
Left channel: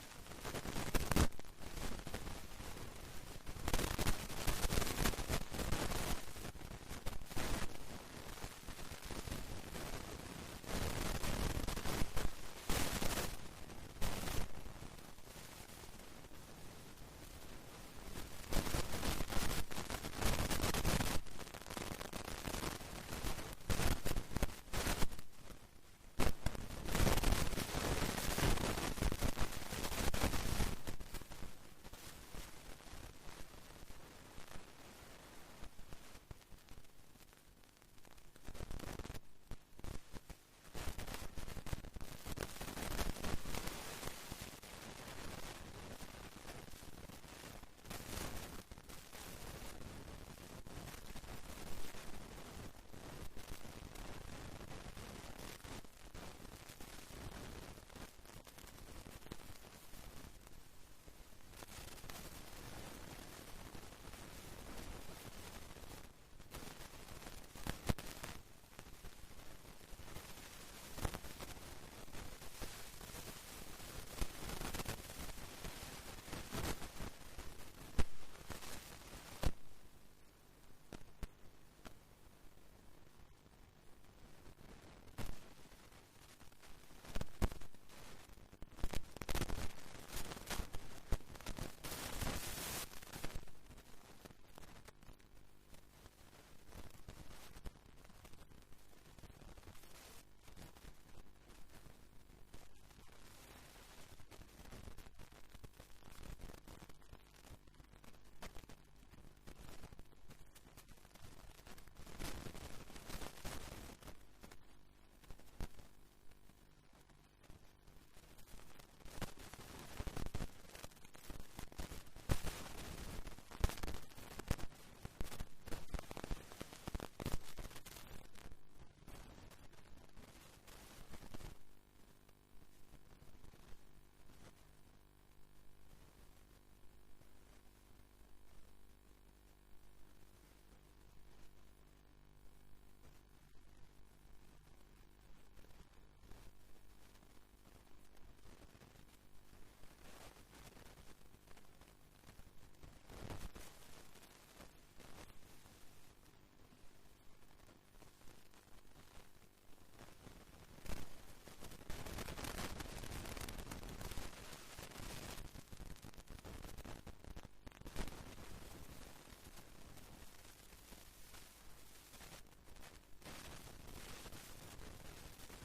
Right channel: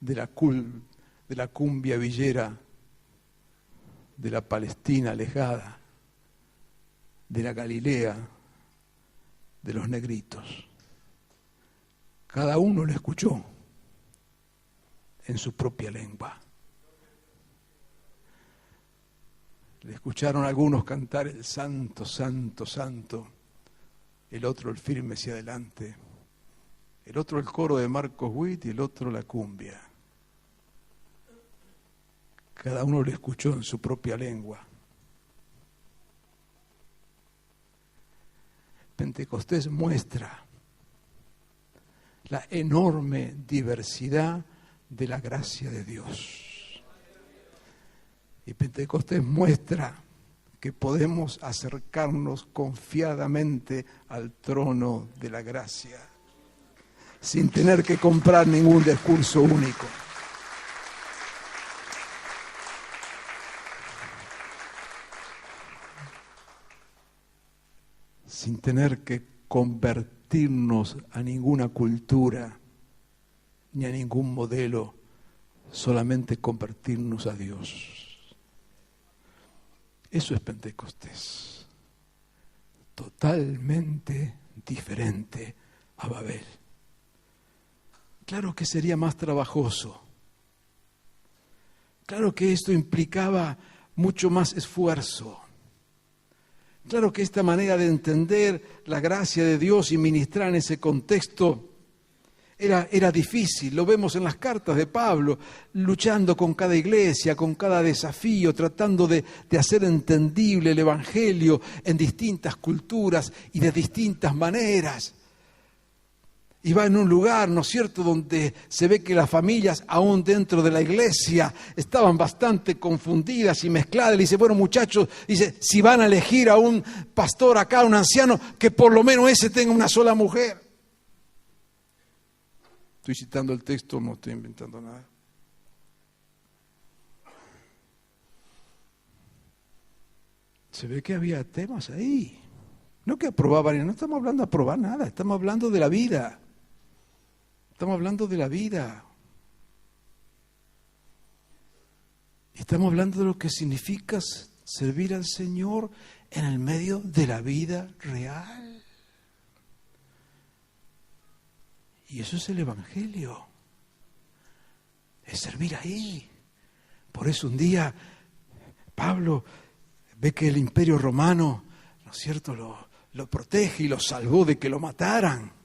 de la cumbia villera, de la Palestina alejada, de la Galilea, de los negritos. Cada uno lo escuchó en su propia lengua. Le escucharon algunos cantar el santo, santo, santo, el otro el firme hacia adelante, el otro el coro de Marcos Witt y el otro la cumbia. Cada uno lo escuchó en su propia lengua. Pentecostés muestra la enorme diversidad de la gracia de Dios. Y Pentecostés muestra que podemos acercarnos confiadamente al trono de la gracia, sin tener que comprar ningún discurso único. Sin tener que convertirnos a ninguna cultura ni a ningún modelo, solamente convertirnos a Dios. Eso es Pentecostés. Totalmente diferente a Babel. Claro que sería más trabajoso. Claro que esto implicaba mucho más esfuerzo. Claro que esta manera de entender la gracia de Dios y ministrar en ese contexto era difícil. Lo vemos en las cartas de Pablo, luchando con cada iglesia, con cada desafío, tratando de hacer entendible el Evangelio en distintas culturas y de distintas maneras. Y va en un lugar, ¿no es cierto?, donde se ve que las familias, aún dentro de la iglesia, estaban bastante confundidas y mezcladas. Le dice, bueno, muchachos, dice, si van a elegir a un pastor acá, un anciano, que por lo menos ese tenga una sola mujer. Estoy citando el texto, no estoy inventando nada. Se ve que había temas ahí. No que aprobaban, no estamos hablando de aprobar nada, estamos hablando de la vida. Estamos hablando de la vida. Estamos hablando de lo que significa servir al Señor en el medio de la vida real. Y eso es el Evangelio. Es servir ahí. Por eso un día Pablo ve que el Imperio Romano, ¿no es cierto?, lo protege y lo salvó de que lo mataran.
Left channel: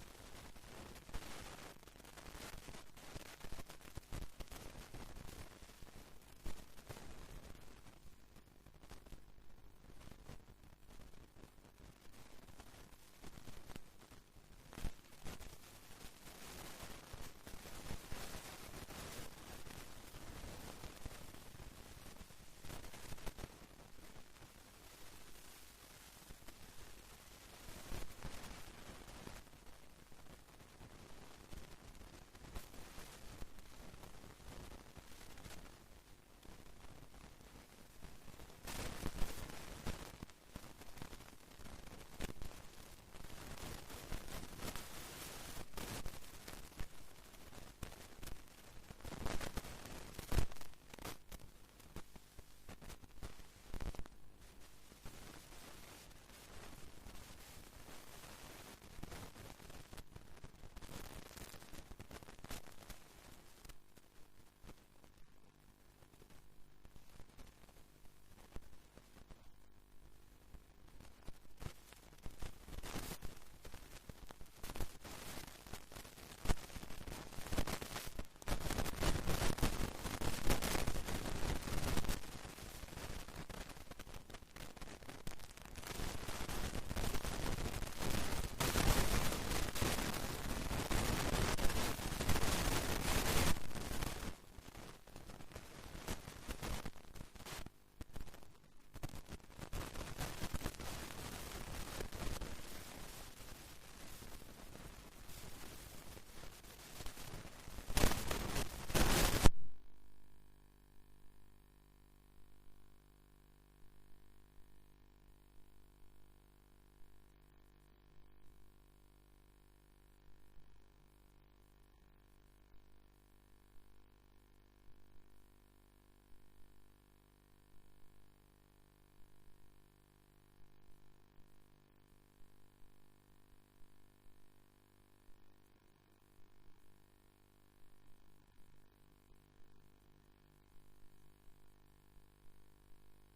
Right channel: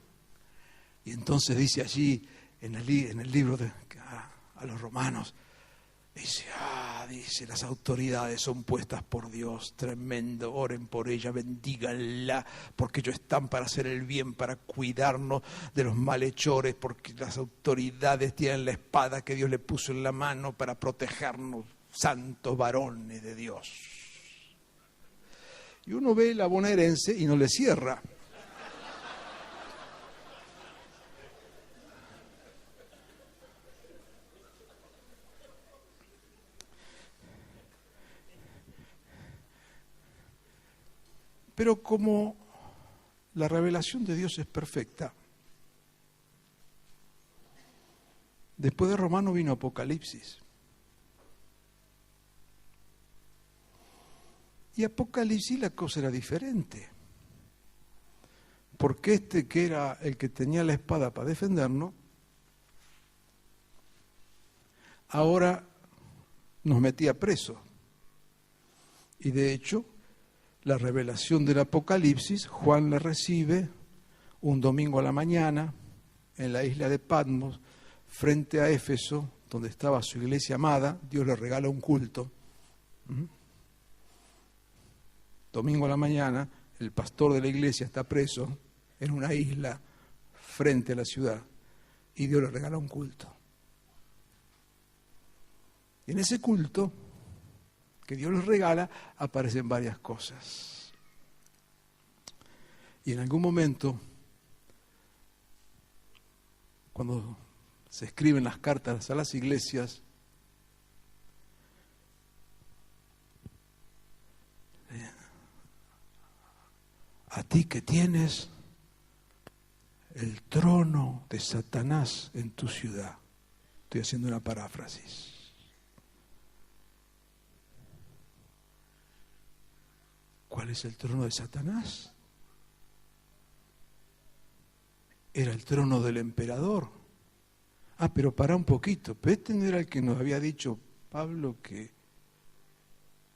Y entonces dice allí, en el libro a los romanos, dice, las autoridades son puestas por Dios, tremendo, oren por ella, bendíganla, porque ellos están para hacer el bien, para cuidarnos de los malhechores, porque las autoridades tienen la espada que Dios le puso en la mano para protegernos, santos varones de Dios. Y uno ve la bonaerense y no le cierra. Pero como la revelación de Dios es perfecta, después de Romano vino Apocalipsis. Y Apocalipsis la cosa era diferente. Porque que era el que tenía la espada para defendernos, ahora nos metía preso. Y de hecho, la revelación del Apocalipsis, Juan la recibe un domingo a la mañana en la isla de Patmos, frente a Éfeso, donde estaba su iglesia amada. Dios le regala un culto. Domingo a la mañana, el pastor de la iglesia está preso en una isla frente a la ciudad y Dios le regala un culto. En ese culto que Dios les regala, aparecen varias cosas. Y en algún momento, cuando se escriben las cartas a las iglesias, ti que tienes el trono de Satanás en tu ciudad. Estoy haciendo una paráfrasis. ¿Cuál es el trono de Satanás? Era el trono del emperador. Pero para un poquito. Pero este no era el que nos había dicho Pablo que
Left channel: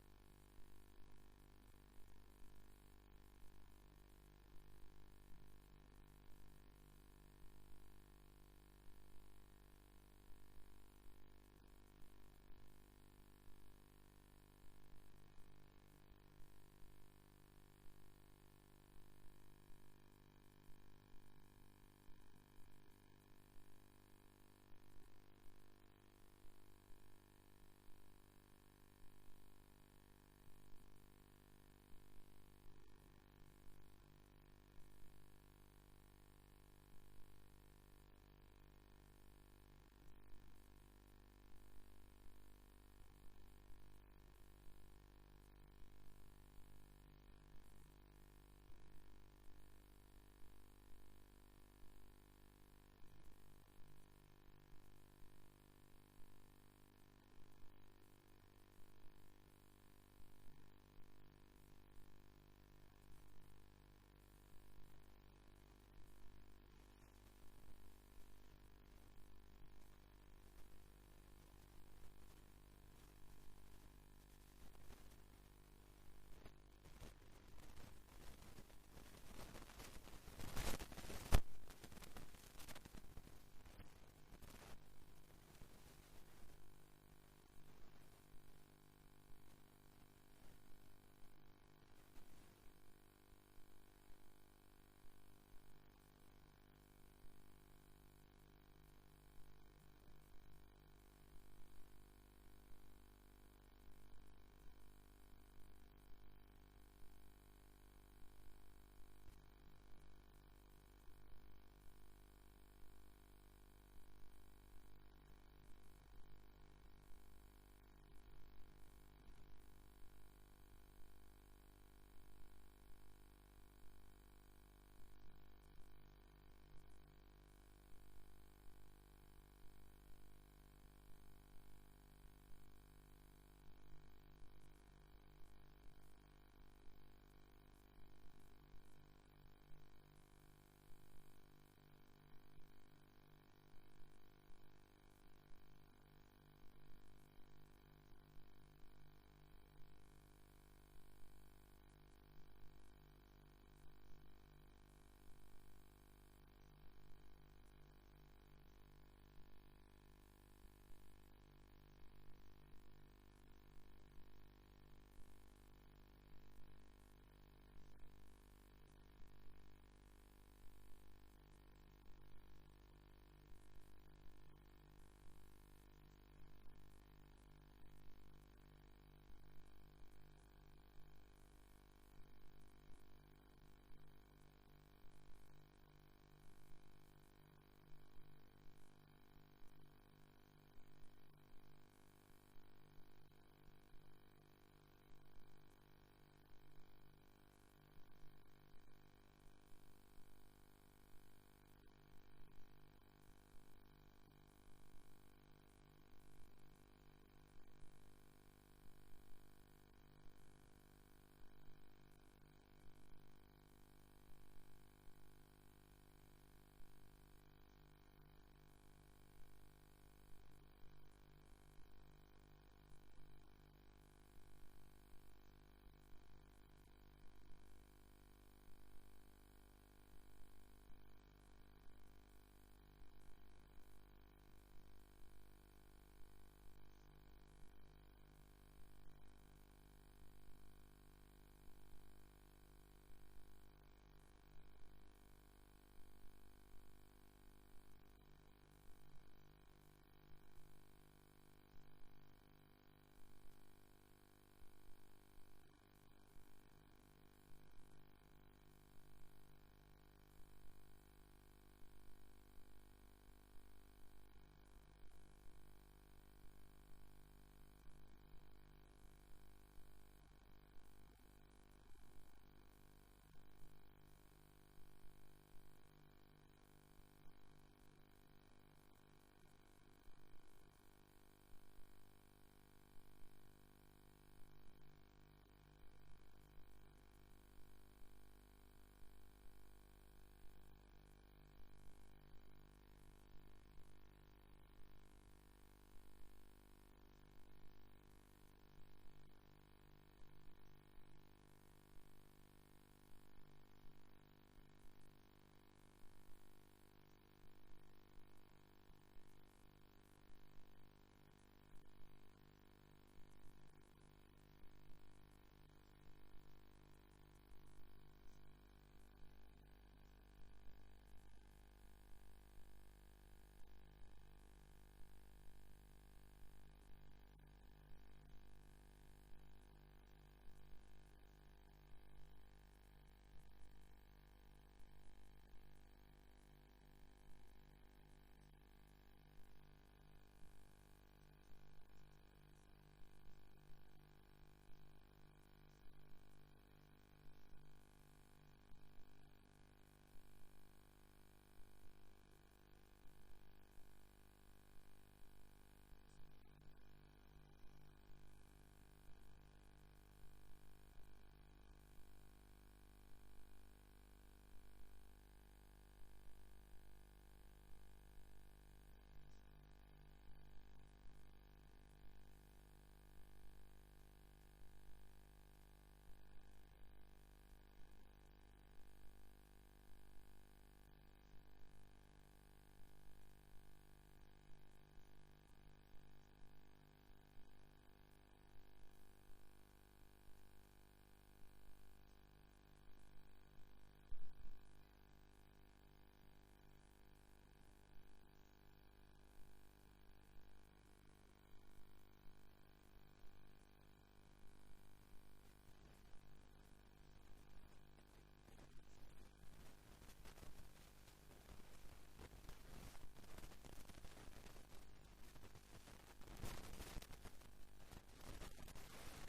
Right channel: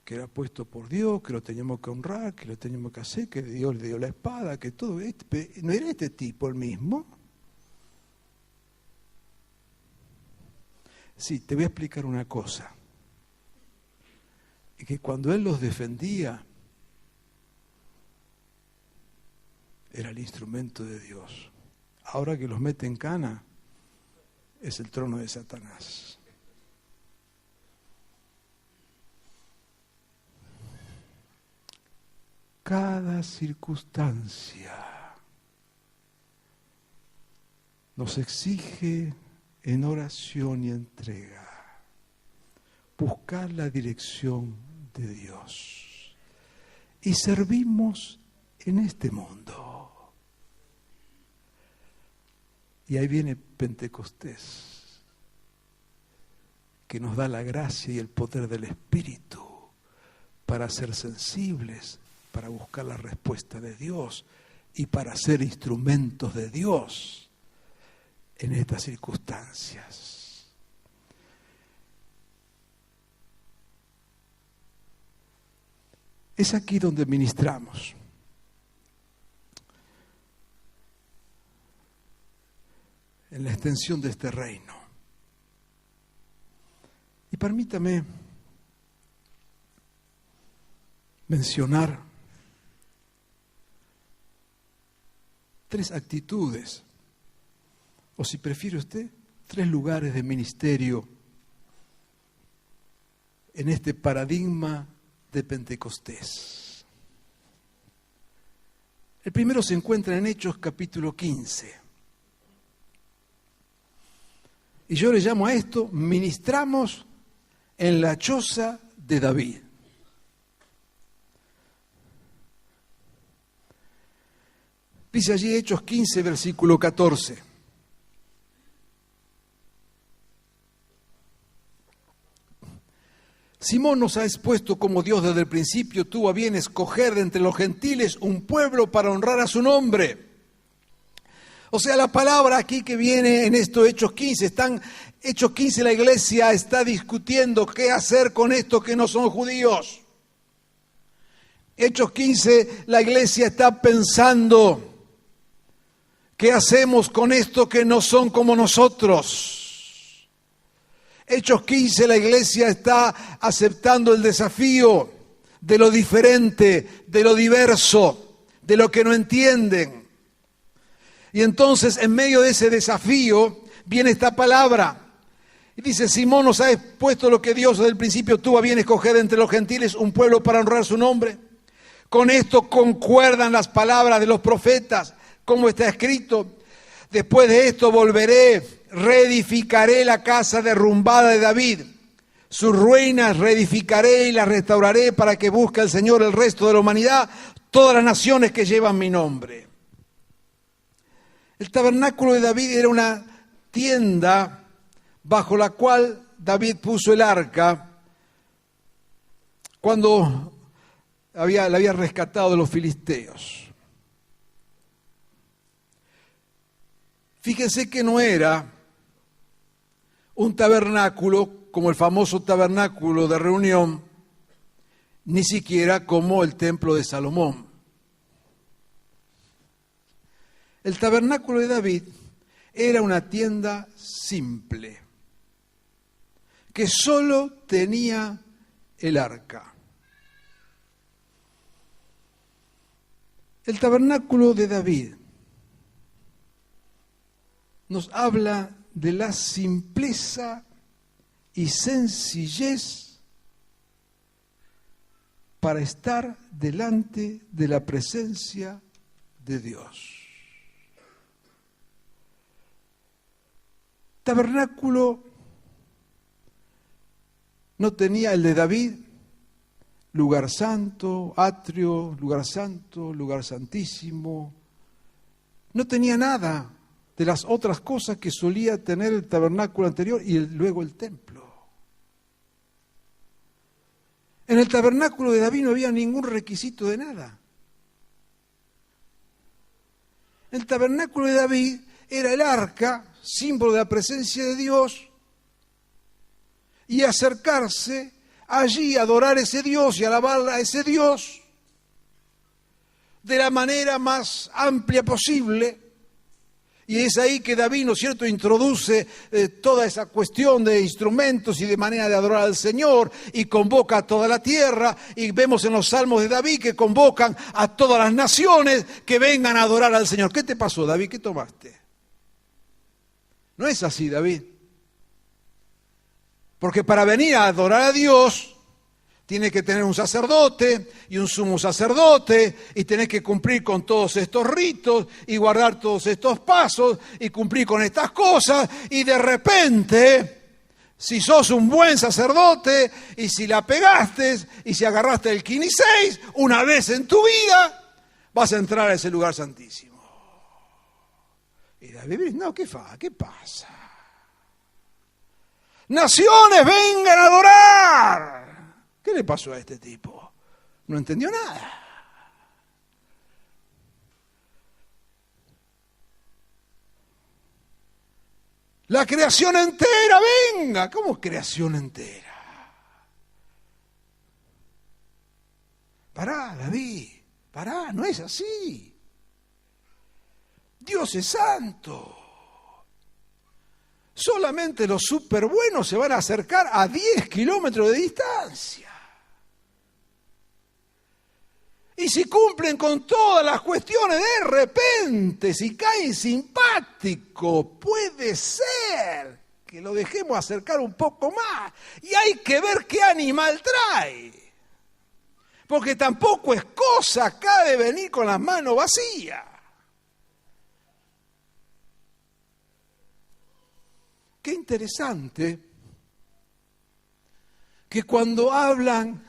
era puesto por Dios, que lo teníamos que honrar, que lo teníamos que hacer, que Dios le dio la espada, que todo esto. ¿No era este tipo el mismo? Sí, te voy a explicar una cosa. Y que cuando él los defendía, era el instrumento de Dios. Ahora que los mete en cana, es el trono de Satanás. Cada circunstancia nos exige en oración y entrega buscar la dirección de Dios. Y servimos en este mundo. Y ahí viene Pentecostés, que nos da la gracia y el poder del Espíritu para ser sensibles, para buscar la respuesta de Dios y para ser instrumentos de Dios en estas circunstancias. Es aquí donde ministramos. En la extensión de este reino. Y permítame mencionar 3 actitudes, o si prefiere usted, 3 lugares de ministerio en este paradigma de Pentecostés. El primero se encuentra en Hechos capítulo 15. Y yo le llamo a esto, ministramos en la choza de David. Dice allí Hechos 15, versículo 14. Simón nos ha expuesto como Dios desde el principio tuvo a bien escoger de entre los gentiles un pueblo para honrar a su nombre. O sea, la palabra aquí que viene en estos Hechos 15, Hechos 15 la iglesia está discutiendo qué hacer con estos que no son judíos. Hechos 15 la iglesia está pensando qué hacemos con estos que no son como nosotros. Hechos 15 la iglesia está aceptando el desafío de lo diferente, de lo diverso, de lo que no entienden. Y entonces, en medio de ese desafío, viene esta palabra. Y dice, Simón nos ha expuesto lo que Dios desde el principio tuvo a bien escoger entre los gentiles, un pueblo para honrar su nombre. Con esto concuerdan las palabras de los profetas, como está escrito. Después de esto volveré, reedificaré la casa derrumbada de David. Sus ruinas reedificaré y las restauraré para que busque el Señor el resto de la humanidad, todas las naciones que llevan mi nombre. El tabernáculo de David era una tienda bajo la cual David puso el arca cuando la había rescatado de los filisteos. Fíjense que no era un tabernáculo como el famoso tabernáculo de reunión, ni siquiera como el templo de Salomón. El tabernáculo de David era una tienda simple, que solo tenía el arca. El tabernáculo de David nos habla de la simpleza y sencillez para estar delante de la presencia de Dios. Tabernáculo no tenía el de David lugar santo, atrio, lugar santo, lugar santísimo. No tenía nada de las otras cosas que solía tener el tabernáculo anterior y luego el templo. En el tabernáculo de David no había ningún requisito de nada. El tabernáculo de David era el arca, símbolo de la presencia de Dios, y acercarse allí a adorar a ese Dios y alabar a ese Dios de la manera más amplia posible. Y es ahí que David, ¿no es cierto?, introduce toda esa cuestión de instrumentos y de manera de adorar al Señor y convoca a toda la tierra. Y vemos en los salmos de David que convocan a todas las naciones que vengan a adorar al Señor. ¿Qué te pasó, David? ¿Qué tomaste? No es así, David. Porque para venir a adorar a Dios tiene que tener un sacerdote y un sumo sacerdote y tenés que cumplir con todos estos ritos y guardar todos estos pasos y cumplir con estas cosas, y de repente, si sos un buen sacerdote y si la pegaste y si agarraste el quiniseis una vez en tu vida, vas a entrar a ese lugar santísimo. Y David, no, ¿qué pasa? Naciones, vengan a adorar. ¿Qué le pasó a este tipo? No entendió nada. La creación entera, venga. ¿Cómo creación entera? Pará, David, pará, no es así. Dios es santo. Solamente los súper buenos se van a acercar a 10 kilómetros de distancia. Y si cumplen con todas las cuestiones, de repente, si caen simpático, puede ser que lo dejemos acercar un poco más. Y hay que ver qué animal trae. Porque tampoco es cosa acá de venir con las manos vacías. Qué interesante que cuando hablan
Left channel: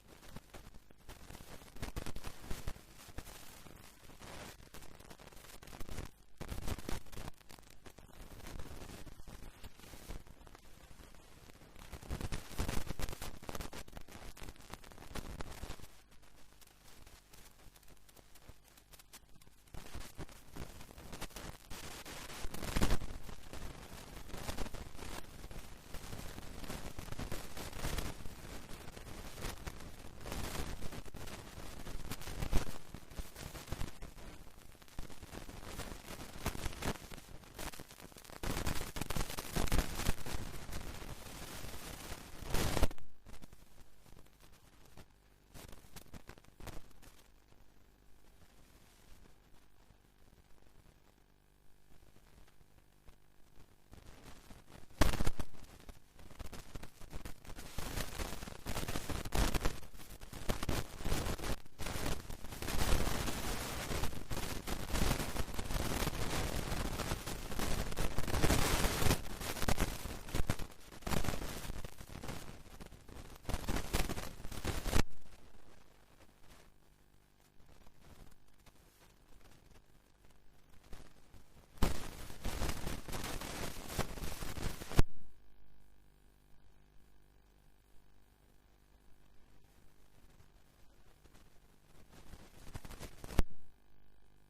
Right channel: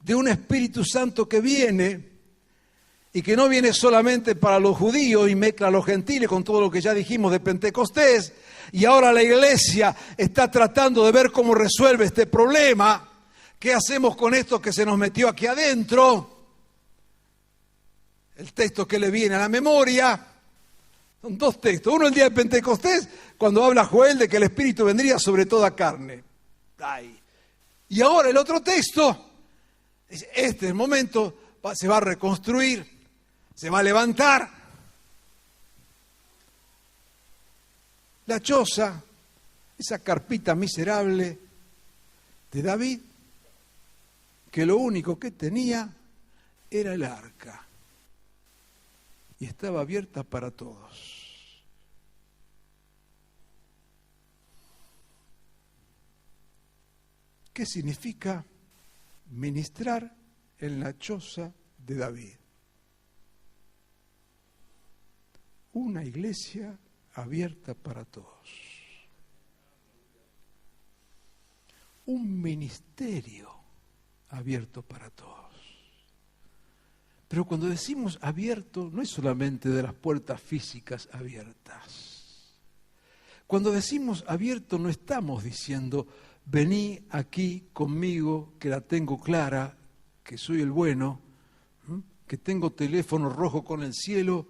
de un Espíritu Santo que viene, y que no viene solamente para los judíos y mezcla a los gentiles con todo lo que ya dijimos de Pentecostés, y ahora la iglesia está tratando de ver cómo resuelve este problema. ¿Qué hacemos con esto que se nos metió aquí adentro? El texto que le viene a la memoria, son dos textos. Uno el día de Pentecostés, cuando habla Joel de que el Espíritu vendría sobre toda carne. Ay. Y ahora el otro texto, este es el momento, se va a reconstruir, se va a levantar la choza, esa carpita miserable de David, que lo único que tenía era el arca y estaba abierta para todos. ¿Qué significa ministrar en la choza de David? Una iglesia abierta para todos. Un ministerio abierto para todos. Pero cuando decimos abierto, no es solamente de las puertas físicas abiertas. Cuando decimos abierto, no estamos diciendo vení aquí conmigo, que la tengo clara, que soy el bueno, que tengo teléfono rojo con el cielo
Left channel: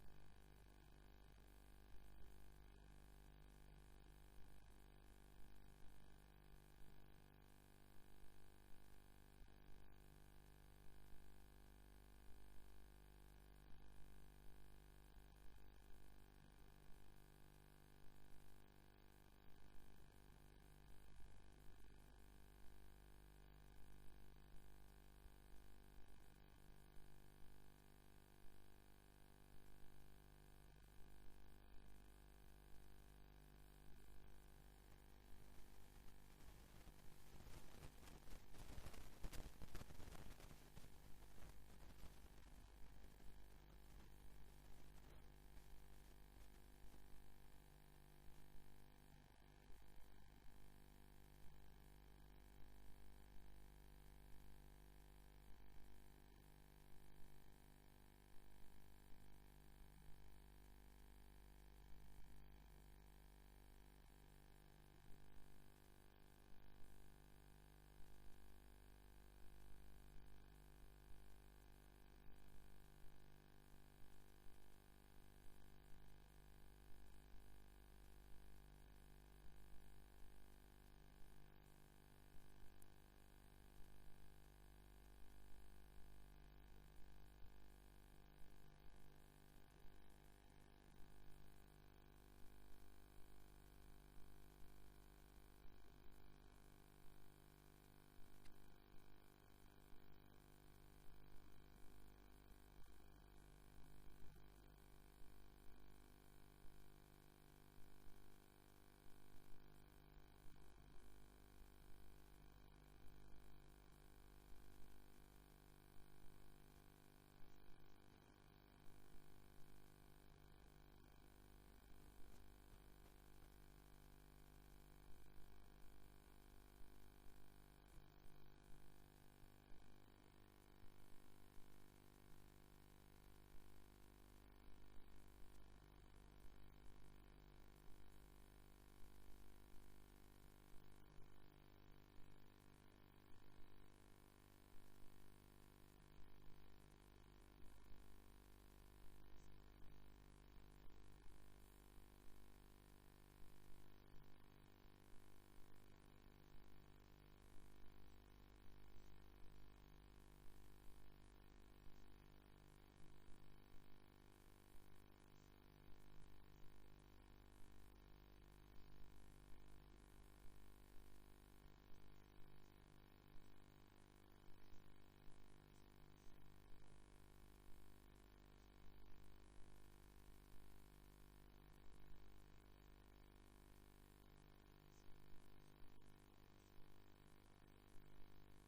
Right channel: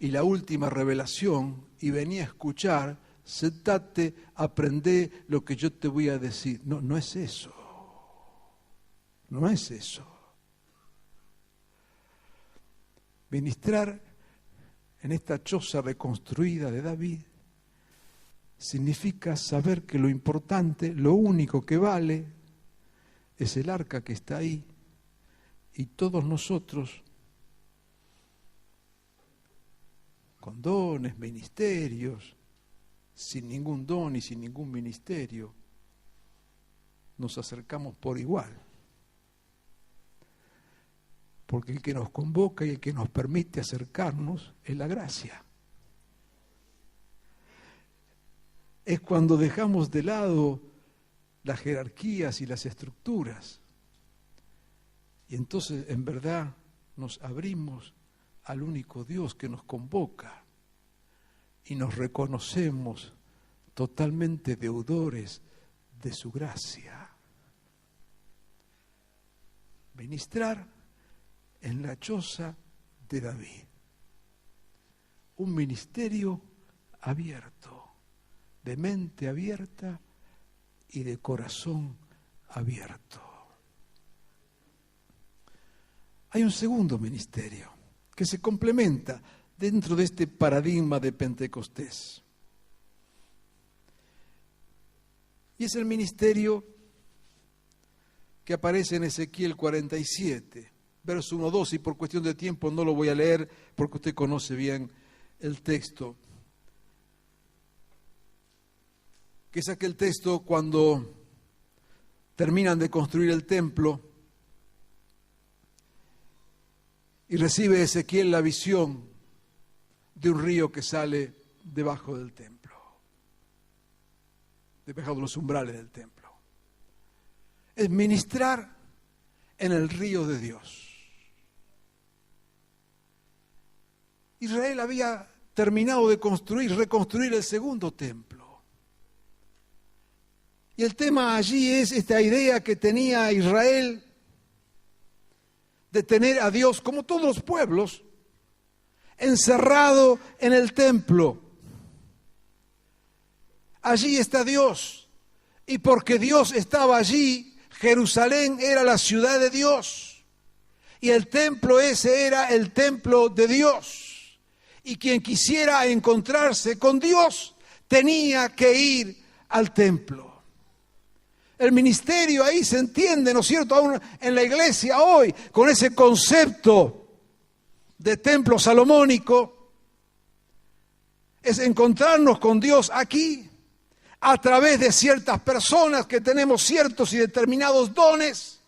y la última revelación, y vení a escuchar, sentate, aprendé lo que yo te voy a decir. No, no es eso. No es eso. Ministrar en esta choza reconstruida de David significa saber que lo importante, lo único que vale, es el arca que está ahí, y todos nosotros, con dones, ministerios, sin ningún don y sin ningún ministerio, nos acercamos por igual. Porque el que nos convoca y el que nos permite acercarnos es la gracia. Es cuando dejamos de lado las jerarquías y las estructuras Y entonces en verdad nos abrimos al único Dios que nos convoca y nos reconocemos totalmente deudores de su gracia. Ministrar en la choza de David. Un ministerio abierto, de mente abierta y de corazón abierto. Hay un segundo ministerio que se complementa dentro de este paradigma de Pentecostés. Y es el ministerio que aparece en Ezequiel 47, verso 1-2, y por cuestión de tiempo no lo voy a leer porque usted conoce bien el texto. Que es aquel texto cuando terminan de construir el templo y recibe Ezequiel la visión de un río que sale debajo del templo, debajo de los umbrales del templo. Es ministrar en el río de Dios. Israel había terminado de reconstruir el segundo templo. Y el tema allí es esta idea que tenía Israel de tener a Dios, como todos los pueblos, encerrado en el templo. Allí está Dios. Y porque Dios estaba allí, Jerusalén era la ciudad de Dios. Y el templo ese era el templo de Dios. Y quien quisiera encontrarse con Dios tenía que ir al templo. El ministerio ahí se entiende, ¿no es cierto?, aún en la iglesia hoy, con ese concepto de templo salomónico, es encontrarnos con Dios aquí, a través de ciertas personas que tenemos ciertos y determinados dones.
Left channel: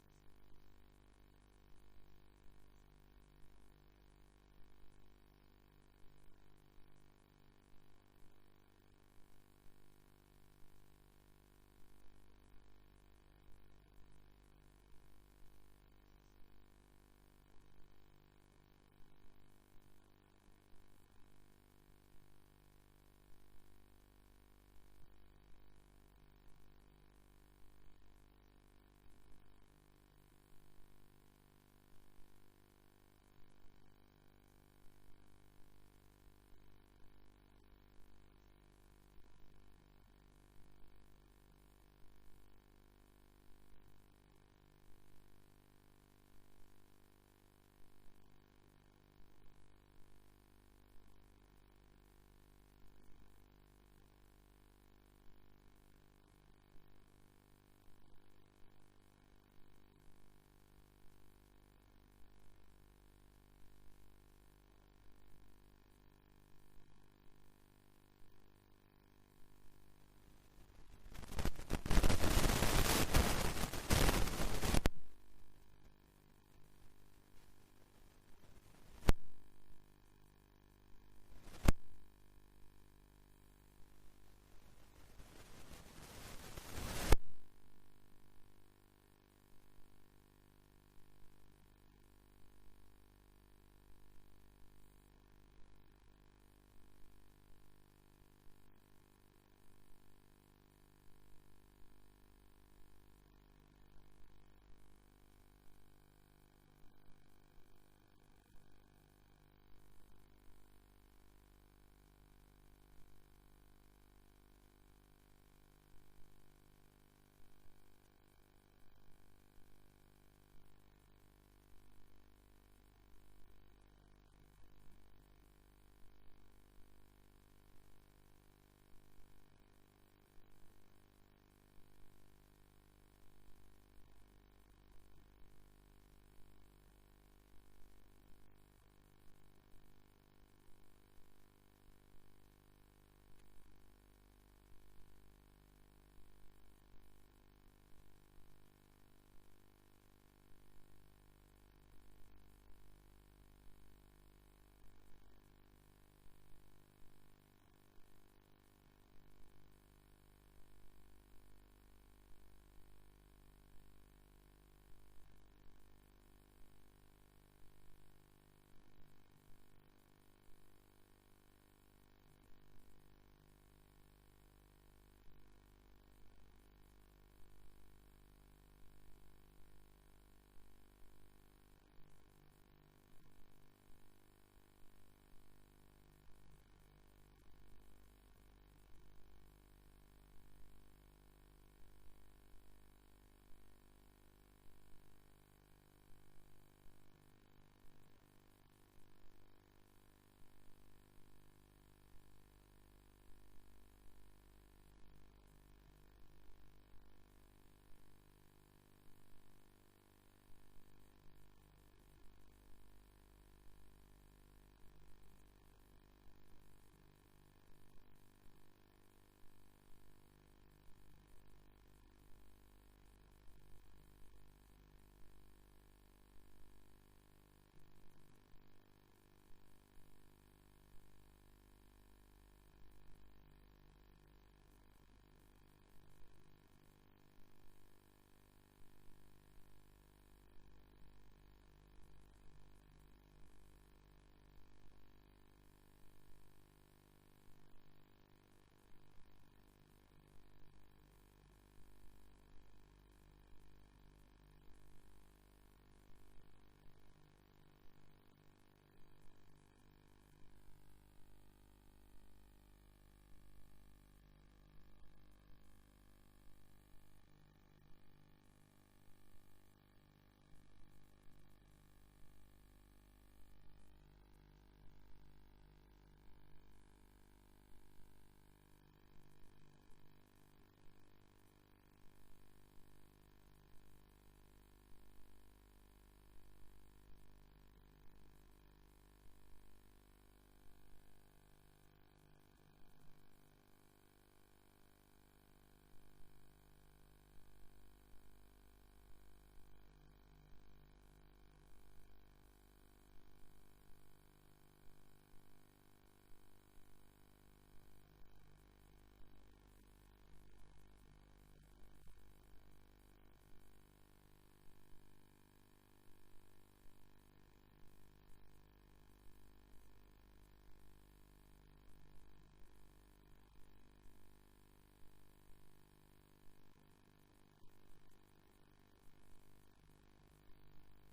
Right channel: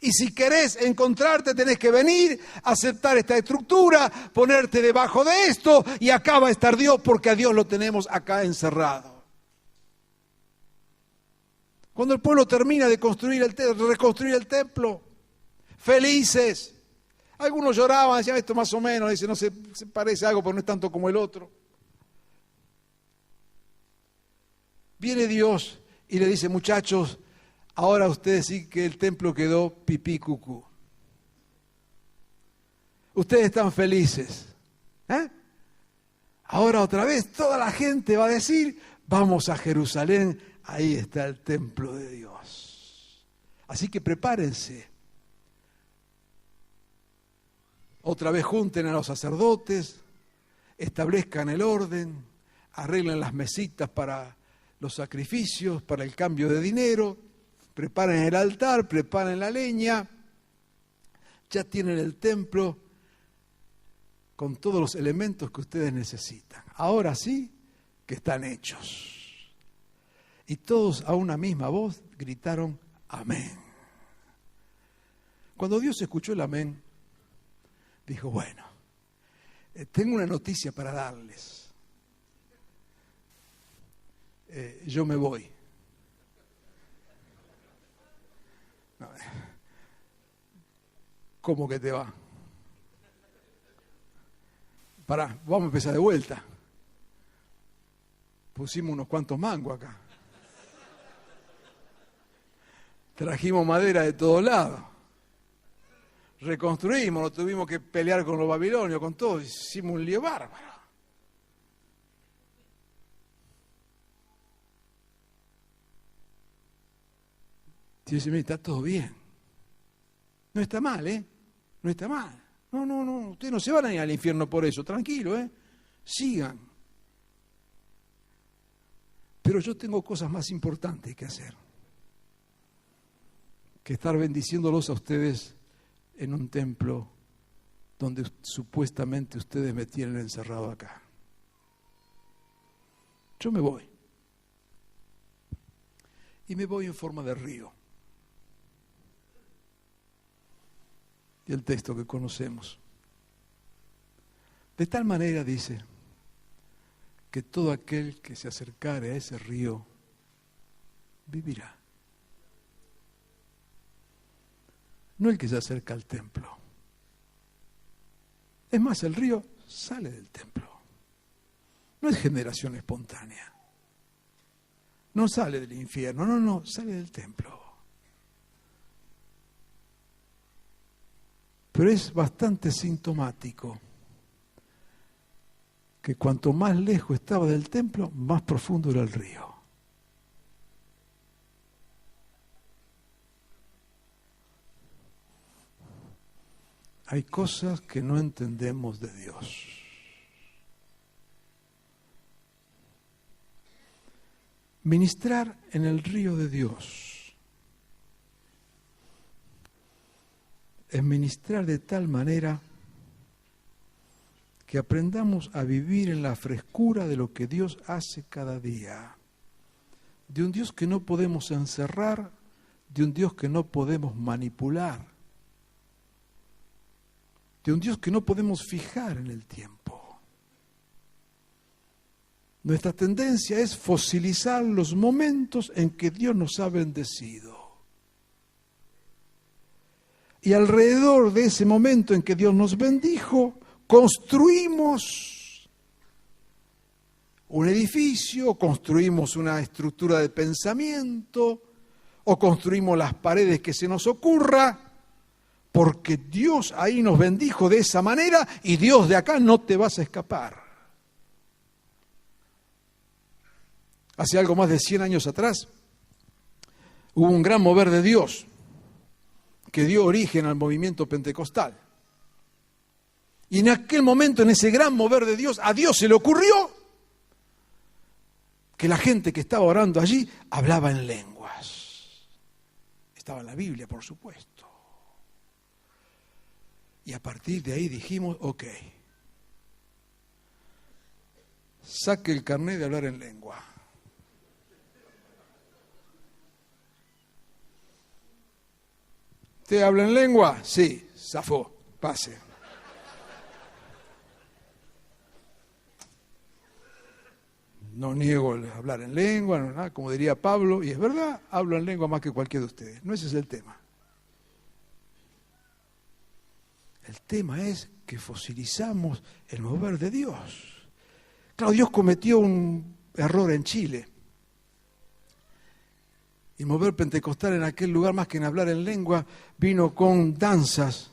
Y si querés encontrarte, tenés que venir, aceptar esta estructura, ponerte debajo de esto, y acá va a estar Dios, porque a Dios lo tenemos acá encerrado. Cuando el pueblo termina de reconstruir el templo, felices. Algunos lloraban, decían esto más o menos, dice, no se parece a algo, pero no es tanto como el otro. Viene Dios y le dice, muchachos, ahora ustedes sí que el templo quedó pipí cucú. Ustedes están felices. Ahora otra vez toda la gente va a decir, vamos a Jerusalén. Ahí está el templo de Dios. Así que prepárense. Otra vez junten a los sacerdotes, establezcan el orden, arreglen las mesitas para los sacrificios, para el cambio de dinero, preparen el altar, preparen la leña. Ya tienen el templo con todos los elementos que ustedes necesitan. Ahora sí que están hechos. Y todos a una misma voz gritaron amén. Cuando Dios escuchó el amén, dijo, bueno, tengo una noticia para darles. Yo me voy. No, ¿cómo que te va? Pará, vamos a empezar de vuelta. Pusimos unos cuantos mangos acá. Trajimos madera de todos lados. Reconstruimos, no tuvimos que pelear con los babilonios, con todo. Hicimos un lío bárbaro. Dios dice, está todo bien. No está mal, ¿eh? No está mal. No, ustedes no se van a ir al infierno por eso, tranquilo, ¿eh? Sigan. Pero yo tengo cosas más importantes que hacer que estar bendiciéndolos a ustedes en un templo donde supuestamente ustedes me tienen encerrado acá. Yo me voy. Y me voy en forma de río. Y el texto que conocemos. De tal manera, dice, que todo aquel que se acercare a ese río vivirá. no el que se acerca al templo. Es más, el río sale del templo. No es generación espontánea. No sale del infierno, no, sale del templo. Pero es bastante sintomático que cuanto más lejos estaba del templo, más profundo era el río. Hay cosas que no entendemos de Dios. Ministrar en el río de Dios es ministrar de tal manera que aprendamos a vivir en la frescura de lo que Dios hace cada día, de un Dios que no podemos encerrar, de un Dios que no podemos manipular, de un Dios que no podemos fijar en el tiempo. Nuestra tendencia es fosilizar los momentos en que Dios nos ha bendecido. Y alrededor de ese momento en que Dios nos bendijo, construimos un edificio, construimos una estructura de pensamiento, o construimos las paredes que se nos ocurra, porque Dios ahí nos bendijo de esa manera y Dios de acá no te vas a escapar. Hace algo más de 100 años atrás, hubo un gran mover de Dios que dio origen al movimiento pentecostal. Y en aquel momento, en ese gran mover de Dios, a Dios se le ocurrió que la gente que estaba orando allí hablaba en lenguas. Estaba en la Biblia, por supuesto. Y a partir de ahí dijimos, ok, saque el carnet de hablar en lengua. ¿Usted habla en lengua? Sí, zafó, pase. No niego el hablar en lengua, no, nada, como diría Pablo, y es verdad, hablo en lengua más que cualquiera de ustedes. No ese es el tema. El tema es que fosilizamos el mover de Dios. Claro, Dios cometió un error en Chile. Y el mover pentecostal en aquel lugar, más que en hablar en lengua, vino con danzas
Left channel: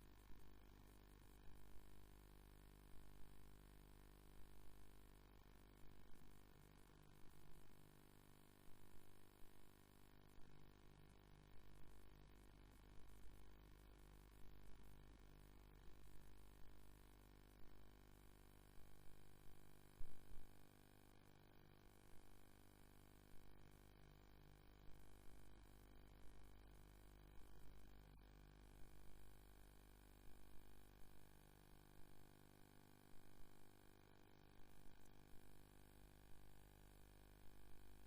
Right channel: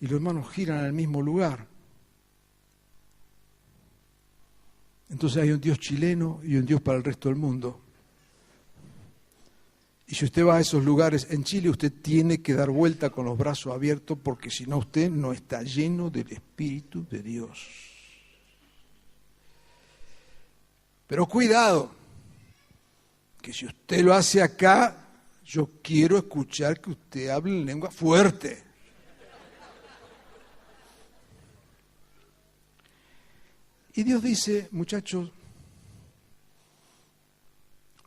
y los hermanos giran en el mismo lugar. Entonces hay un Dios chileno y un Dios para el resto del mundo. Y si usted va a esos lugares en Chile, usted tiene que dar vuelta con los brazos abiertos, porque si no, usted no está lleno del Espíritu de Dios. Pero cuidado, que si usted lo hace acá, yo quiero escuchar que usted hable en lengua fuerte. Y Dios dice, muchachos,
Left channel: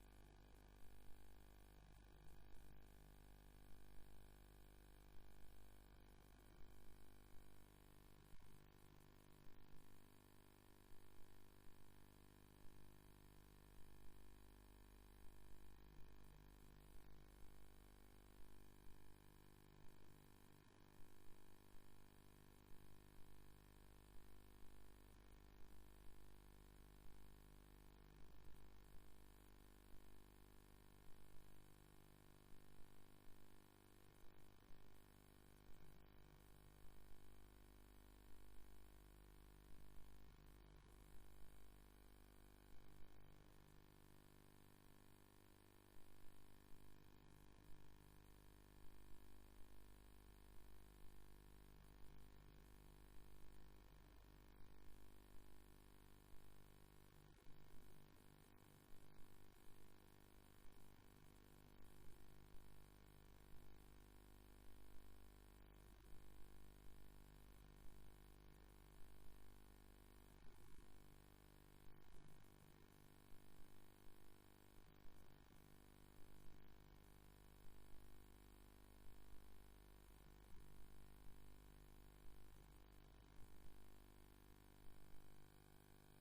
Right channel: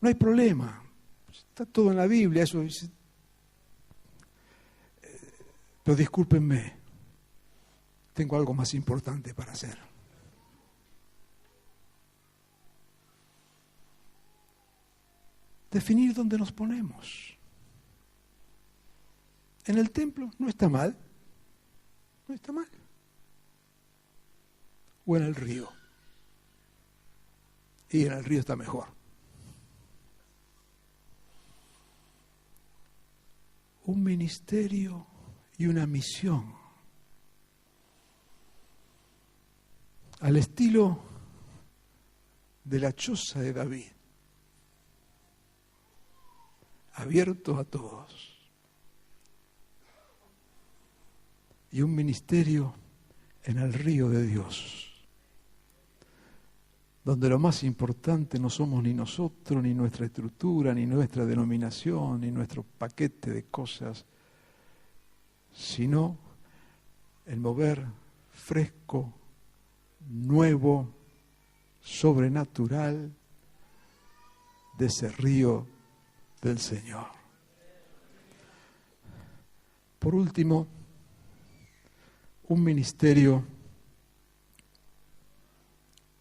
no hay problema, está todo en la Biblia, eso dice. Pero discúlpenme, tengo algo más importante para hacer. Definir dónde nos ponemos. En el templo no está mal, no está mal. O en el río. Y en el río está mejor. Un ministerio y una misión al estilo de la choza de David, abierto a todos, y un ministerio en el río de Dios, donde lo más importante no somos ni nosotros, ni nuestra estructura, ni nuestra denominación, ni nuestro paquete de cosas, sino el mover fresco, nuevo, sobrenatural de ese río del Señor. Por último, un ministerio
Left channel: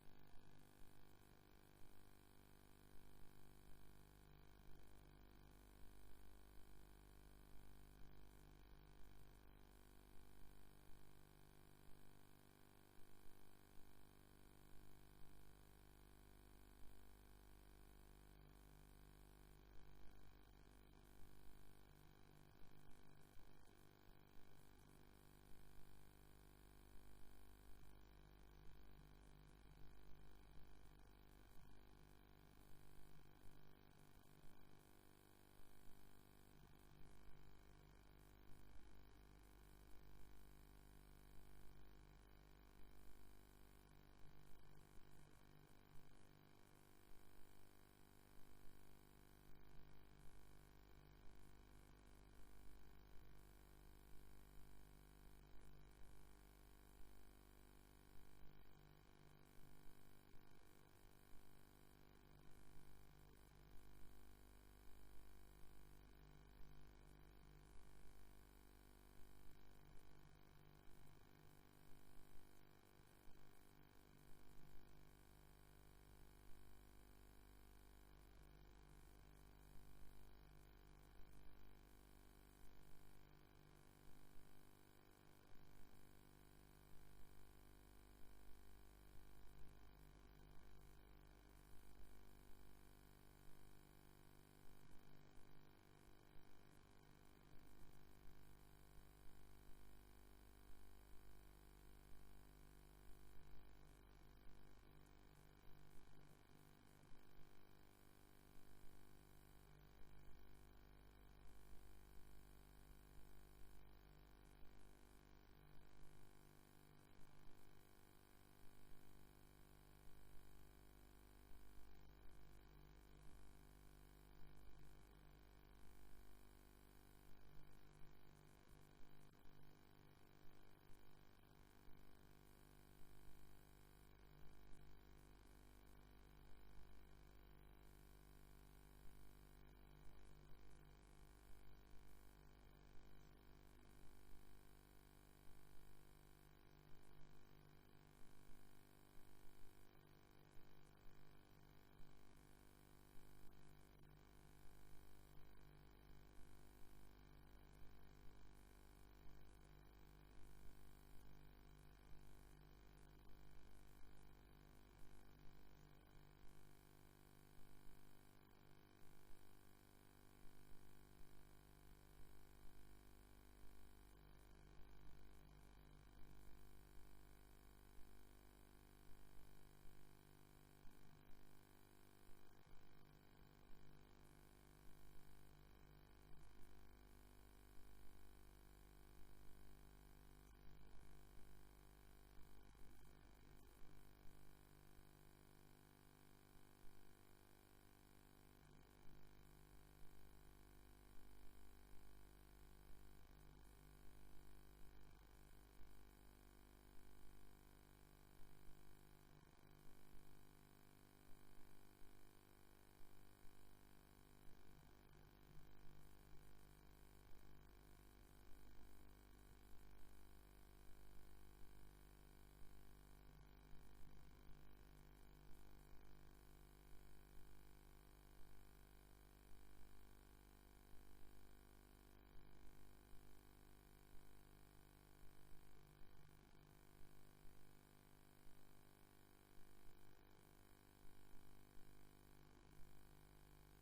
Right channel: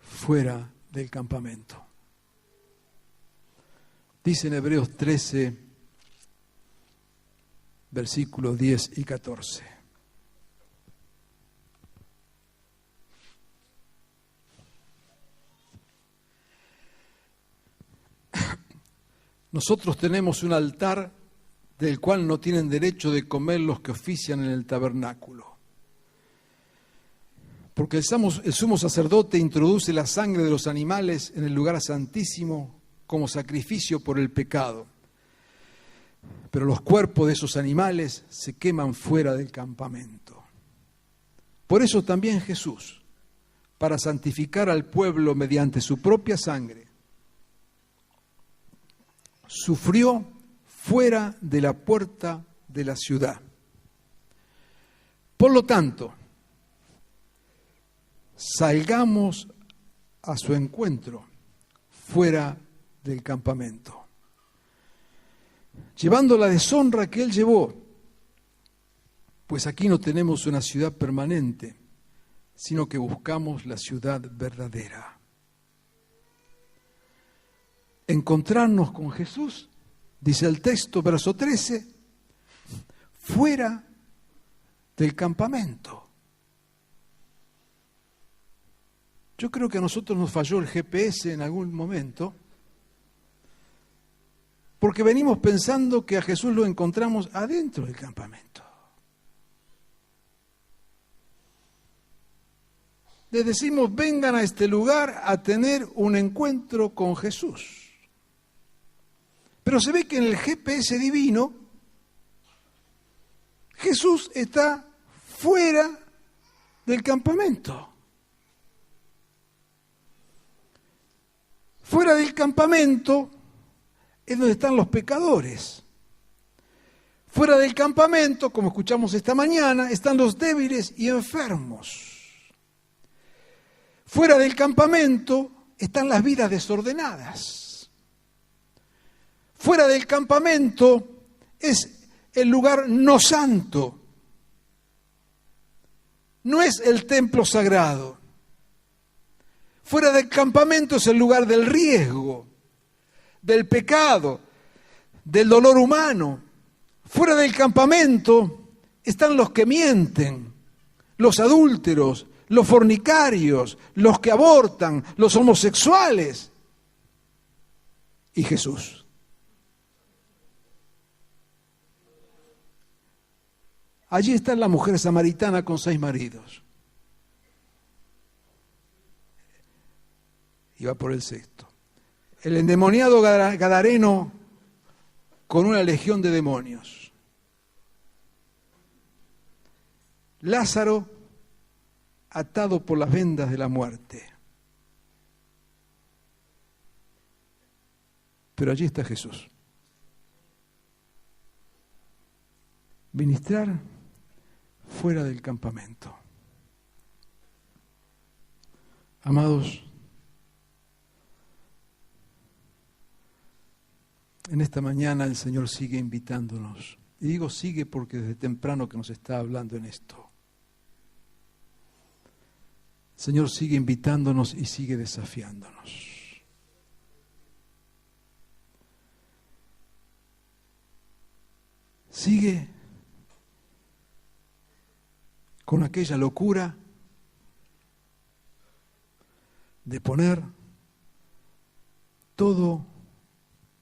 fuera del campamento. Dice en Hebreos 13, versículos 10 y 14. Nosotros tenemos un altar del cual no tienen derecho de comer los que ofician en el tabernáculo. Porque el sumo sacerdote introduce la sangre de los animales en el lugar santísimo como sacrificio por el pecado. Pero los cuerpos de esos animales se queman fuera del campamento. Por eso también Jesús, para santificar al pueblo mediante su propia sangre, sufrió fuera de la puerta de la ciudad. Por lo tanto, salgamos a su encuentro fuera del campamento, llevando la deshonra que él llevó, pues aquí no tenemos una ciudad permanente, sino que buscamos la ciudad verdadera. Encontrarnos con Jesús, dice el texto, verso 13, fuera del campamento. Yo creo que a nosotros nos falló el GPS en algún momento, porque venimos pensando que a Jesús lo encontramos adentro del campamento. Les decimos, vengan a este lugar a tener un encuentro con Jesús. Pero se ve que en el GPS divino, Jesús está fuera del campamento. Fuera del campamento es donde están los pecadores. Fuera del campamento, como escuchamos esta mañana, están los débiles y enfermos. Fuera del campamento están las vidas desordenadas. Fuera del campamento es el lugar no santo. No es el templo sagrado. Fuera del campamento es el lugar del riesgo, del pecado, del dolor humano. Fuera del campamento están los que mienten, los adúlteros, los fornicarios, los que abortan, los homosexuales. Y Jesús. Allí está la mujer samaritana con 6 maridos. Y va por el 6º. El endemoniado gadareno con una legión de demonios. Lázaro atado por las vendas de la muerte. Pero allí está Jesús. Ministrar fuera del campamento. Amados, en esta mañana el Señor sigue invitándonos. Y digo sigue porque desde temprano que nos está hablando en esto. El Señor sigue invitándonos y sigue desafiándonos. Sigue con aquella locura de poner todo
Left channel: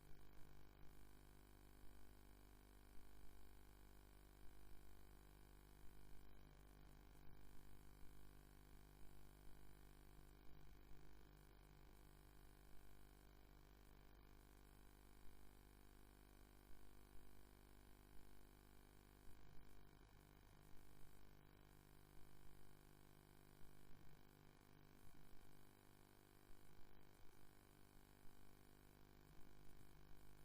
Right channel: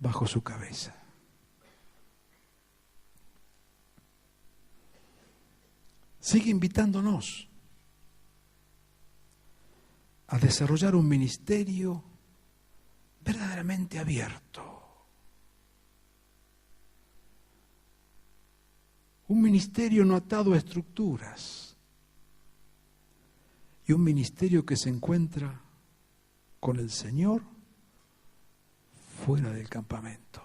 bajo su cabeza. Sigue invitándonos a desarrollar un ministerio verdaderamente abierto. Un ministerio no atado a estructuras. Y un ministerio que se encuentra con el Señor fuera del campamento.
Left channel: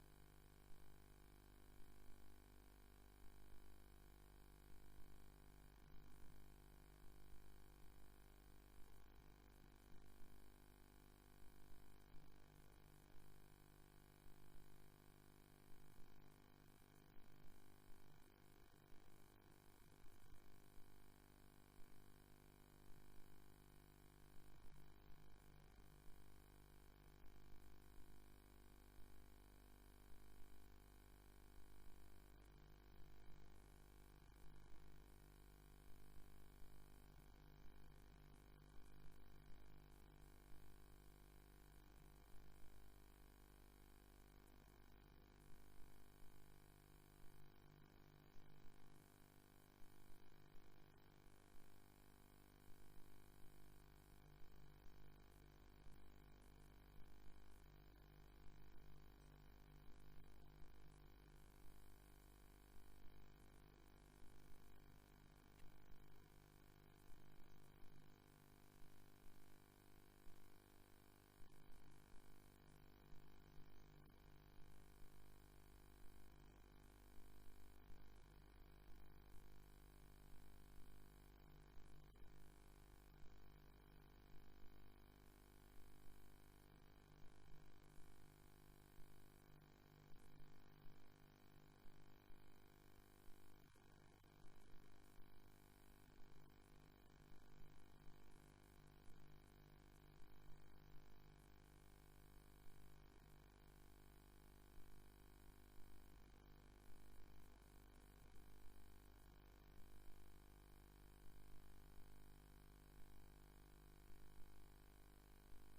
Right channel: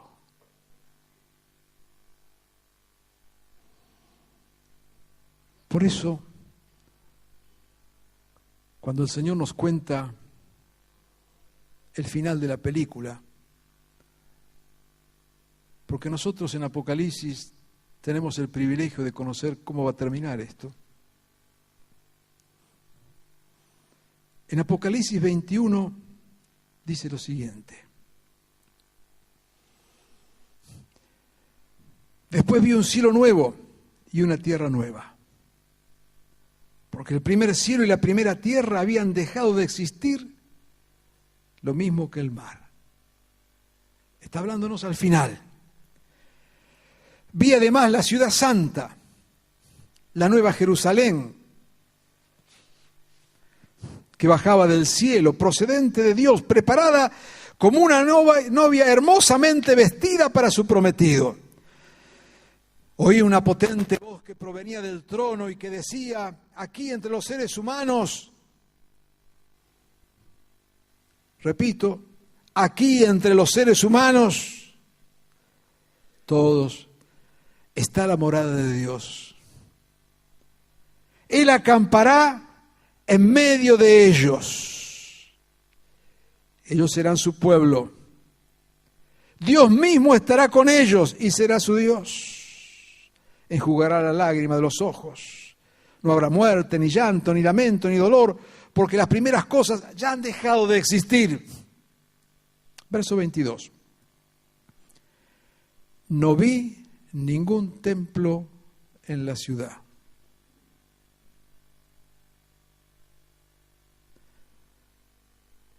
Por eso, cuando el Señor nos cuenta el final de la película, porque nosotros en Apocalipsis tenemos el privilegio de conocer cómo va a terminar esto. En Apocalipsis 21 dice lo siguiente: Después vi un cielo nuevo y una tierra nueva. Porque el primer cielo y la primera tierra habían dejado de existir, lo mismo que el mar. Está hablándonos al final. Vi además la ciudad santa, la nueva Jerusalén, que bajaba del cielo, procedente de Dios, preparada como una novia hermosamente vestida para su prometido. Oí una potente voz que provenía del trono y que decía: aquí entre los seres humanos, repito, aquí entre los seres humanos, todos, está la morada de Dios. Él acampará en medio de ellos. Ellos serán su pueblo. Dios mismo estará con ellos y será su Dios. Enjugará la lágrima de los ojos. No habrá muerte, ni llanto, ni lamento, ni dolor, porque las primeras cosas ya han dejado de existir. Verso 22. No vi ningún templo en la ciudad.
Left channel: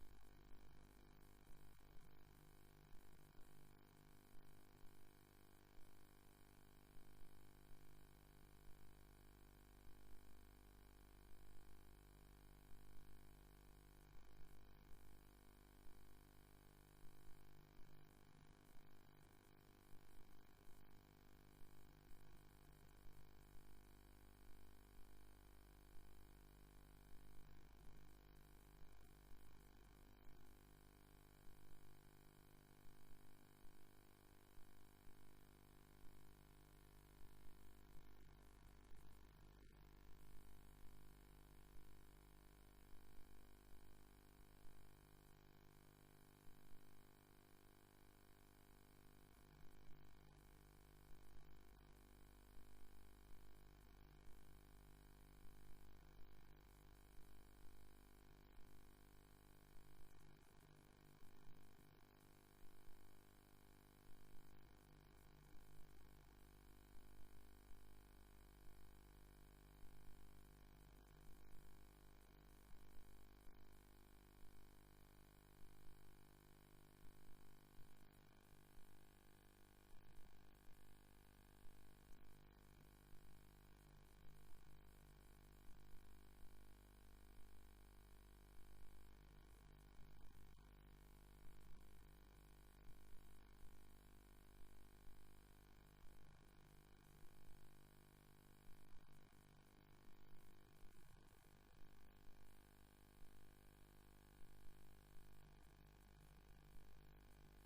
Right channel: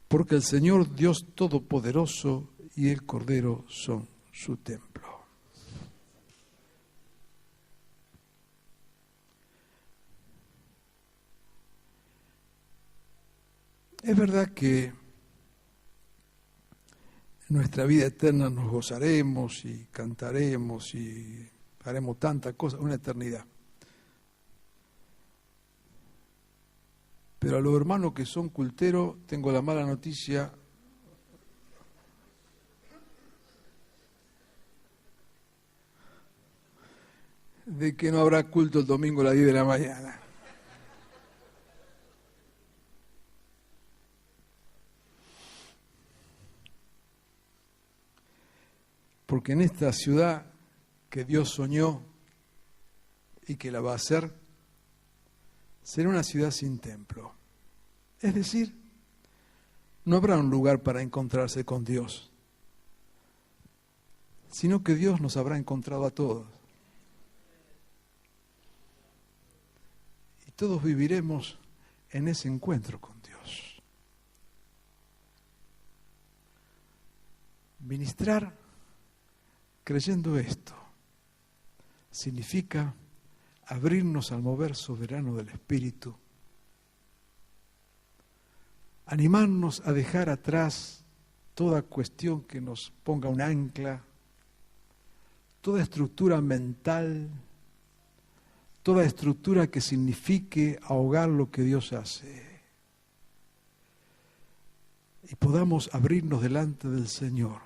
Porque el Señor Dios Todopoderoso y el Cordero son su templo. Es verdad que en nuestra vida eterna nos gozaremos y cantaremos y haremos tantas cosas, una eternidad. Pero a los hermanos que son culteros, tengo la mala noticia de que no habrá culto el domingo a las 10 de la mañana. Porque en esta ciudad que Dios soñó y que la va a hacer, será una ciudad sin templo. Es decir, no habrá un lugar para encontrarse con Dios, sino que Dios nos habrá encontrado a todos. Y todos viviremos en ese encuentro con Dios. Ministrar creyendo esto significa abrirnos al mover soberano del Espíritu, animarnos a dejar atrás toda cuestión que nos ponga un ancla, toda estructura mental, toda estructura que signifique ahogar lo que Dios hace, y podamos abrirnos delante del Señor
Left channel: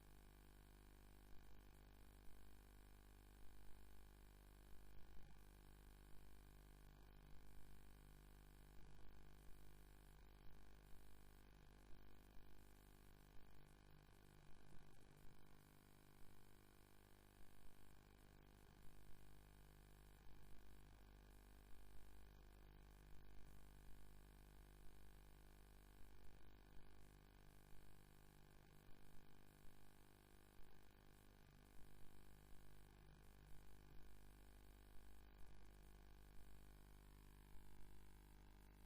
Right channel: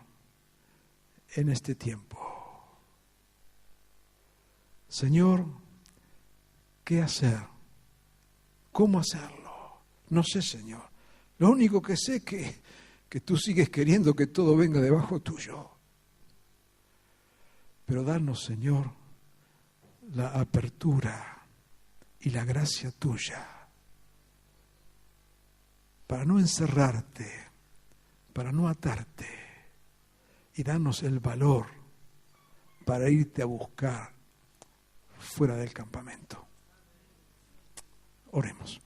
en este tiempo. Señor, ¿qué hacer? ¿Cómo hacerlo? No sé, Señor. Lo único que sé es que tú sigues queriendo que todo venga debajo tuyo. Pero danos, Señor, la apertura y la gracia tuya para no encerrarte, para no atarte, y danos el valor para irte a buscar fuera del campamento. Oremos.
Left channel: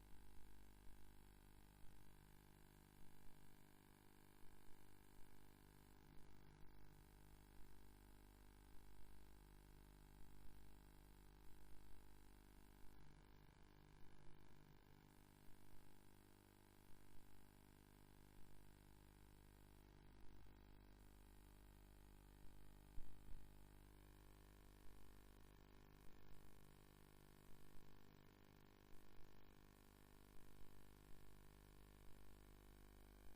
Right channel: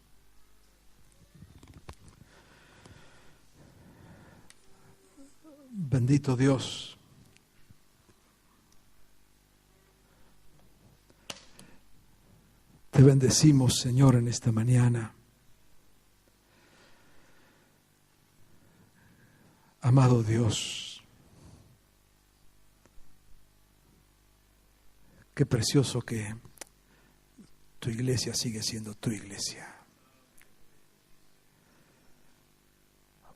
Bendito Dios, te bendecimos, Señor, en esta mañana. Amado Dios, qué precioso que tu iglesia sigue siendo tu iglesia.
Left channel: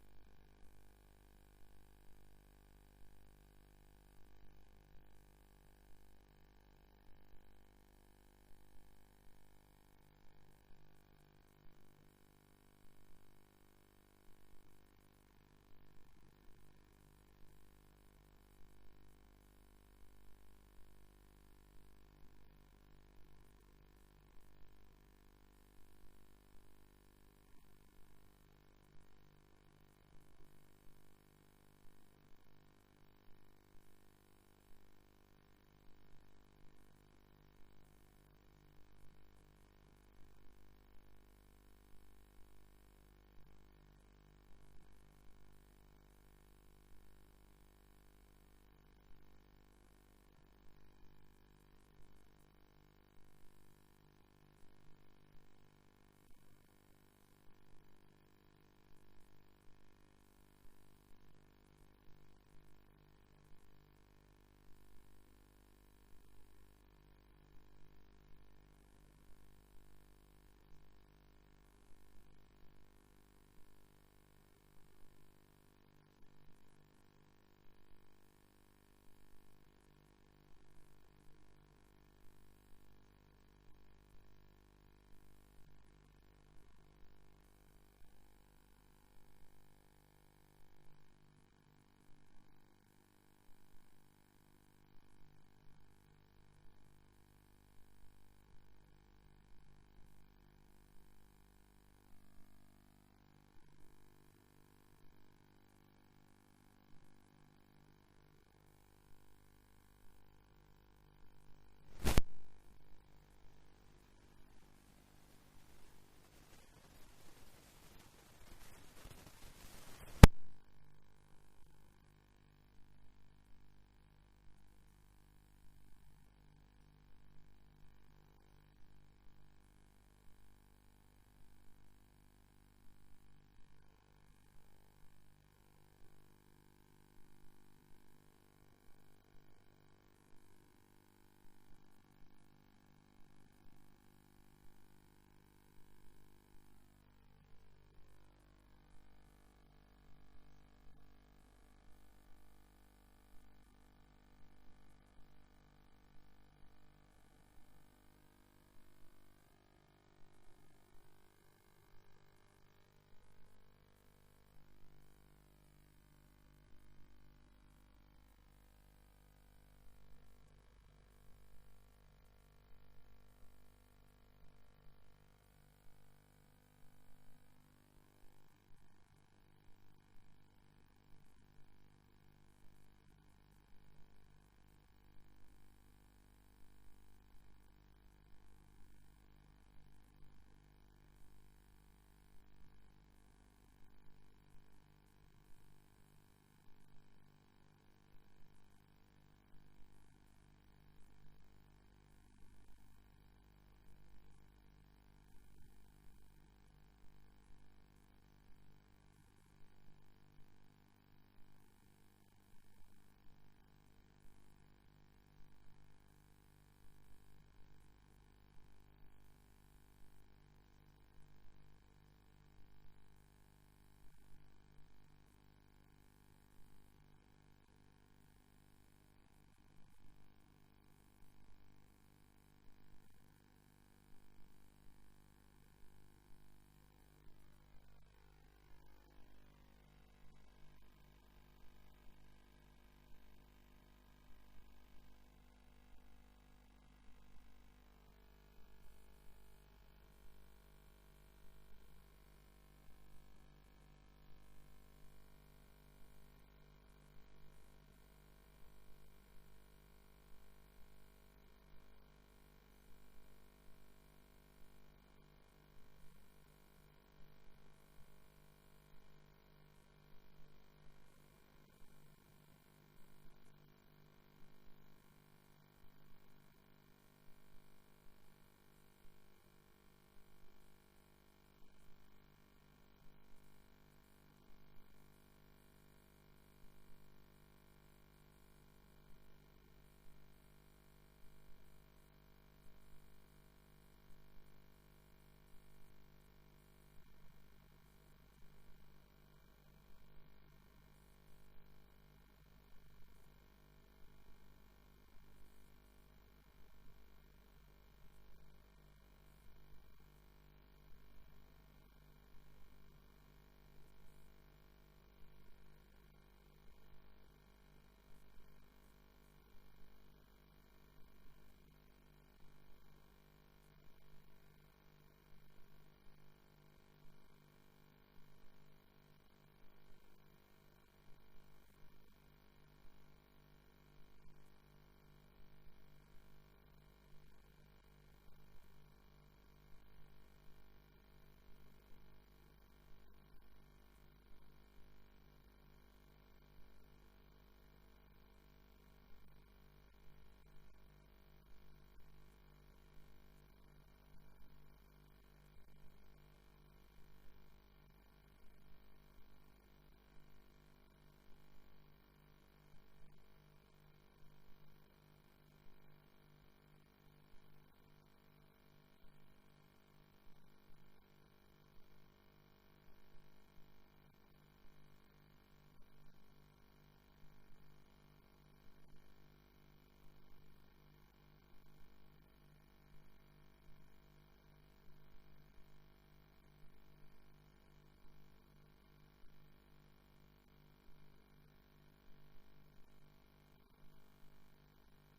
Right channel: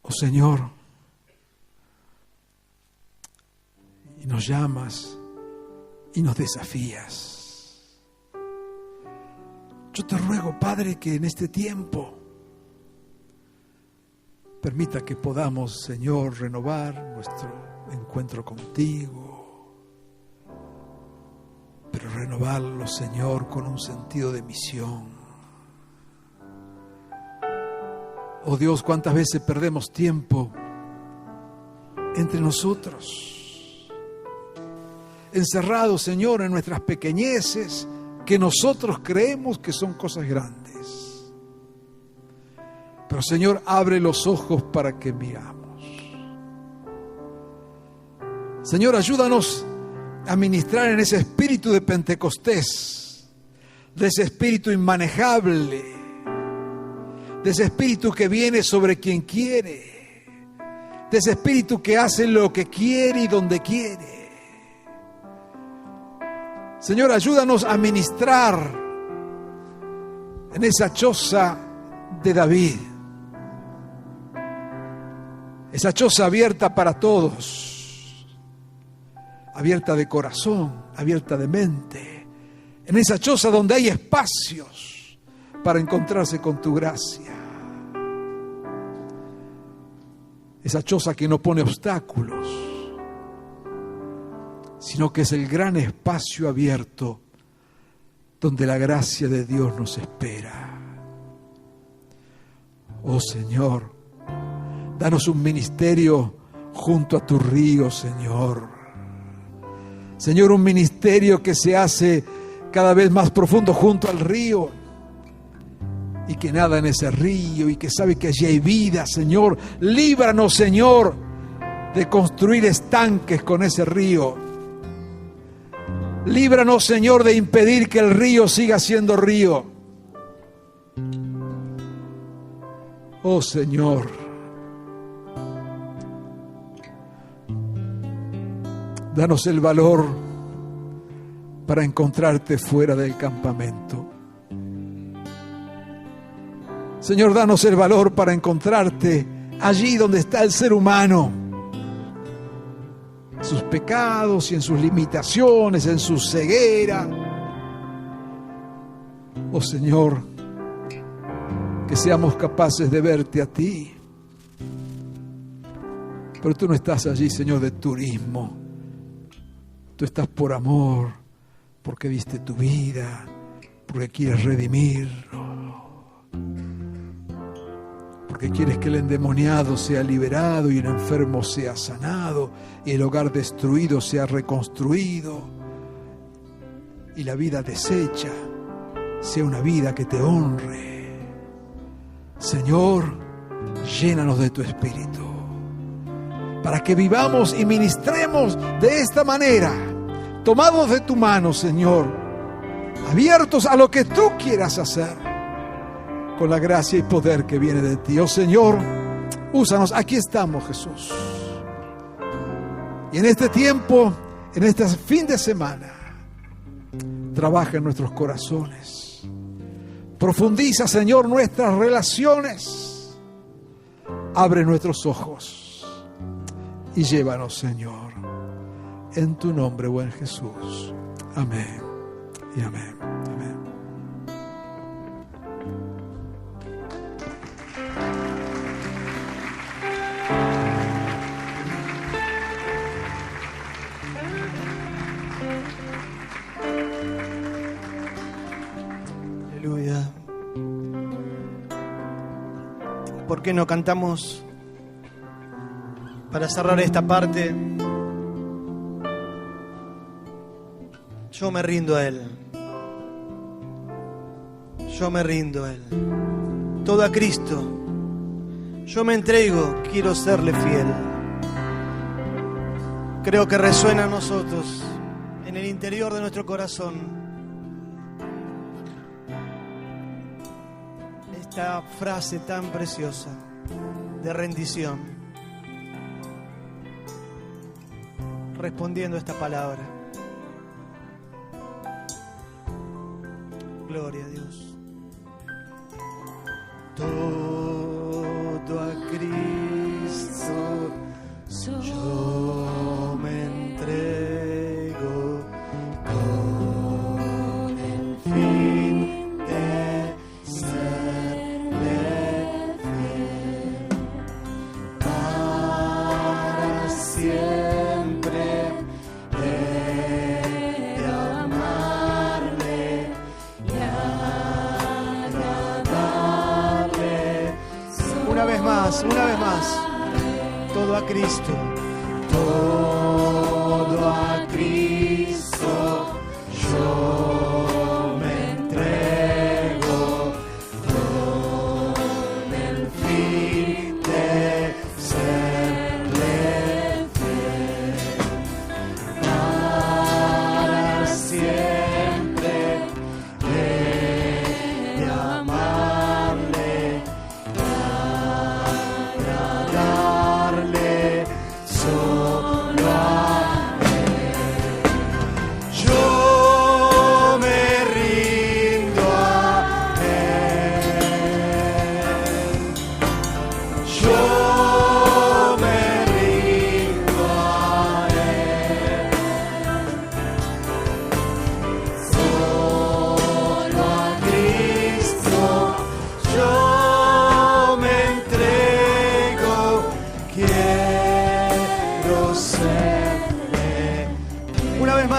Oh Señor, y nos llamas y nos desafías. Yo te ruego, Padre, que en este tiempo permita que podamos, Señor, renovar nuestro encuentro contigo, pero renovarlo, Señor, con un sentido de misión. Oh Dios, cuántas veces perdemos tiempo entre nosotros encerrados, Señor, en nuestras pequeñeces, que nosotros creemos que son cosas grandes. Pero, Señor, abre los ojos para que miramos. Señor, ayúdanos a ministrar en ese espíritu de Pentecostés, de ese espíritu inmanejable, de ese espíritu que viene sobre quien quiere, de ese espíritu que hace lo que quiere y donde quiere. Señor, ayúdanos a ministrar en esa choza de David, esa choza abierta para todos, abierta de corazón, abierta de mente, en esa choza donde hay espacios para encontrarse con tu gracia. Esa choza que no pone obstáculos, sino que es el gran espacio abierto donde la gracia de Dios nos espera. Oh Señor, danos un ministerio junto a tu río, Señor. Señor, un ministerio que se hace cada vez más profundo junto al río y que nada en ese río y que sabe que allí hay vida, Señor. Líbranos, Señor, de construir estanques con ese río. Líbranos, Señor, de impedir que el río siga siendo río. Oh, Señor, danos el valor para encontrarte fuera del campamento. Señor, danos el valor para encontrarte allí donde está el ser humano, en sus pecados y en sus limitaciones, en su ceguera. Oh Señor, que seamos capaces de verte a ti. Pero tú no estás allí, Señor, de turismo. Tú estás por amor, porque diste tu vida, porque quieres redimirlo, porque quieres que el endemoniado sea liberado y el enfermo sea sanado y el hogar destruido sea reconstruido y la vida deshecha sea una vida que te honre. Señor, llénanos de tu espíritu para que vivamos y ministremos de esta manera, tomados de tu mano, Señor, abiertos a lo que tú quieras hacer, con la gracia y poder que viene de ti. Oh Señor, úsanos. Aquí estamos, Jesús. Y en este tiempo, en este fin de semana, trabaja en nuestros corazones. Profundiza, Señor, nuestras relaciones. Abre nuestros ojos y llévanos, Señor, en tu nombre, buen Jesús. Amén y amén. Amén. Aleluya. ¿Por qué no cantamos para cerrar esta parte? Yo me rindo a Él. Yo me rindo a Él. Todo a Cristo. Yo me entrego, quiero serle fiel. Creo que resuena a nosotros, en el interior de nuestro corazón, esta frase tan preciosa de rendición, respondiendo a esta palabra. Gloria a Dios. Todo a Cristo yo me entrego con el fin de serle fiel para siempre. De amarle y agradarle. Una vez más, todo a Cristo, todo a Cristo.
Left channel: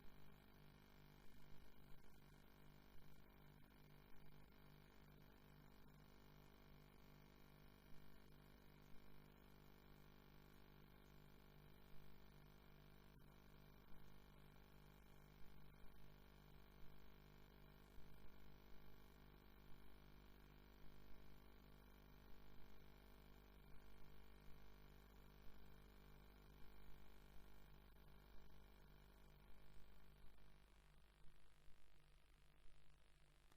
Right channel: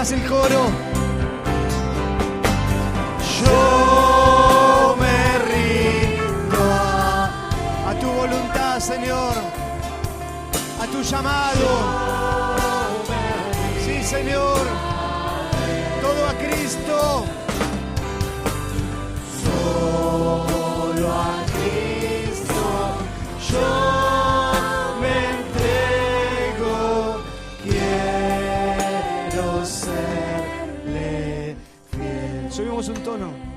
más el coro. Yo me rindo a tu voluntad, Señor, a tu llamado. Sí, Señor, todo a Cristo. Solo a Cristo yo me entrego, quiero serle fiel. Subimos un tono.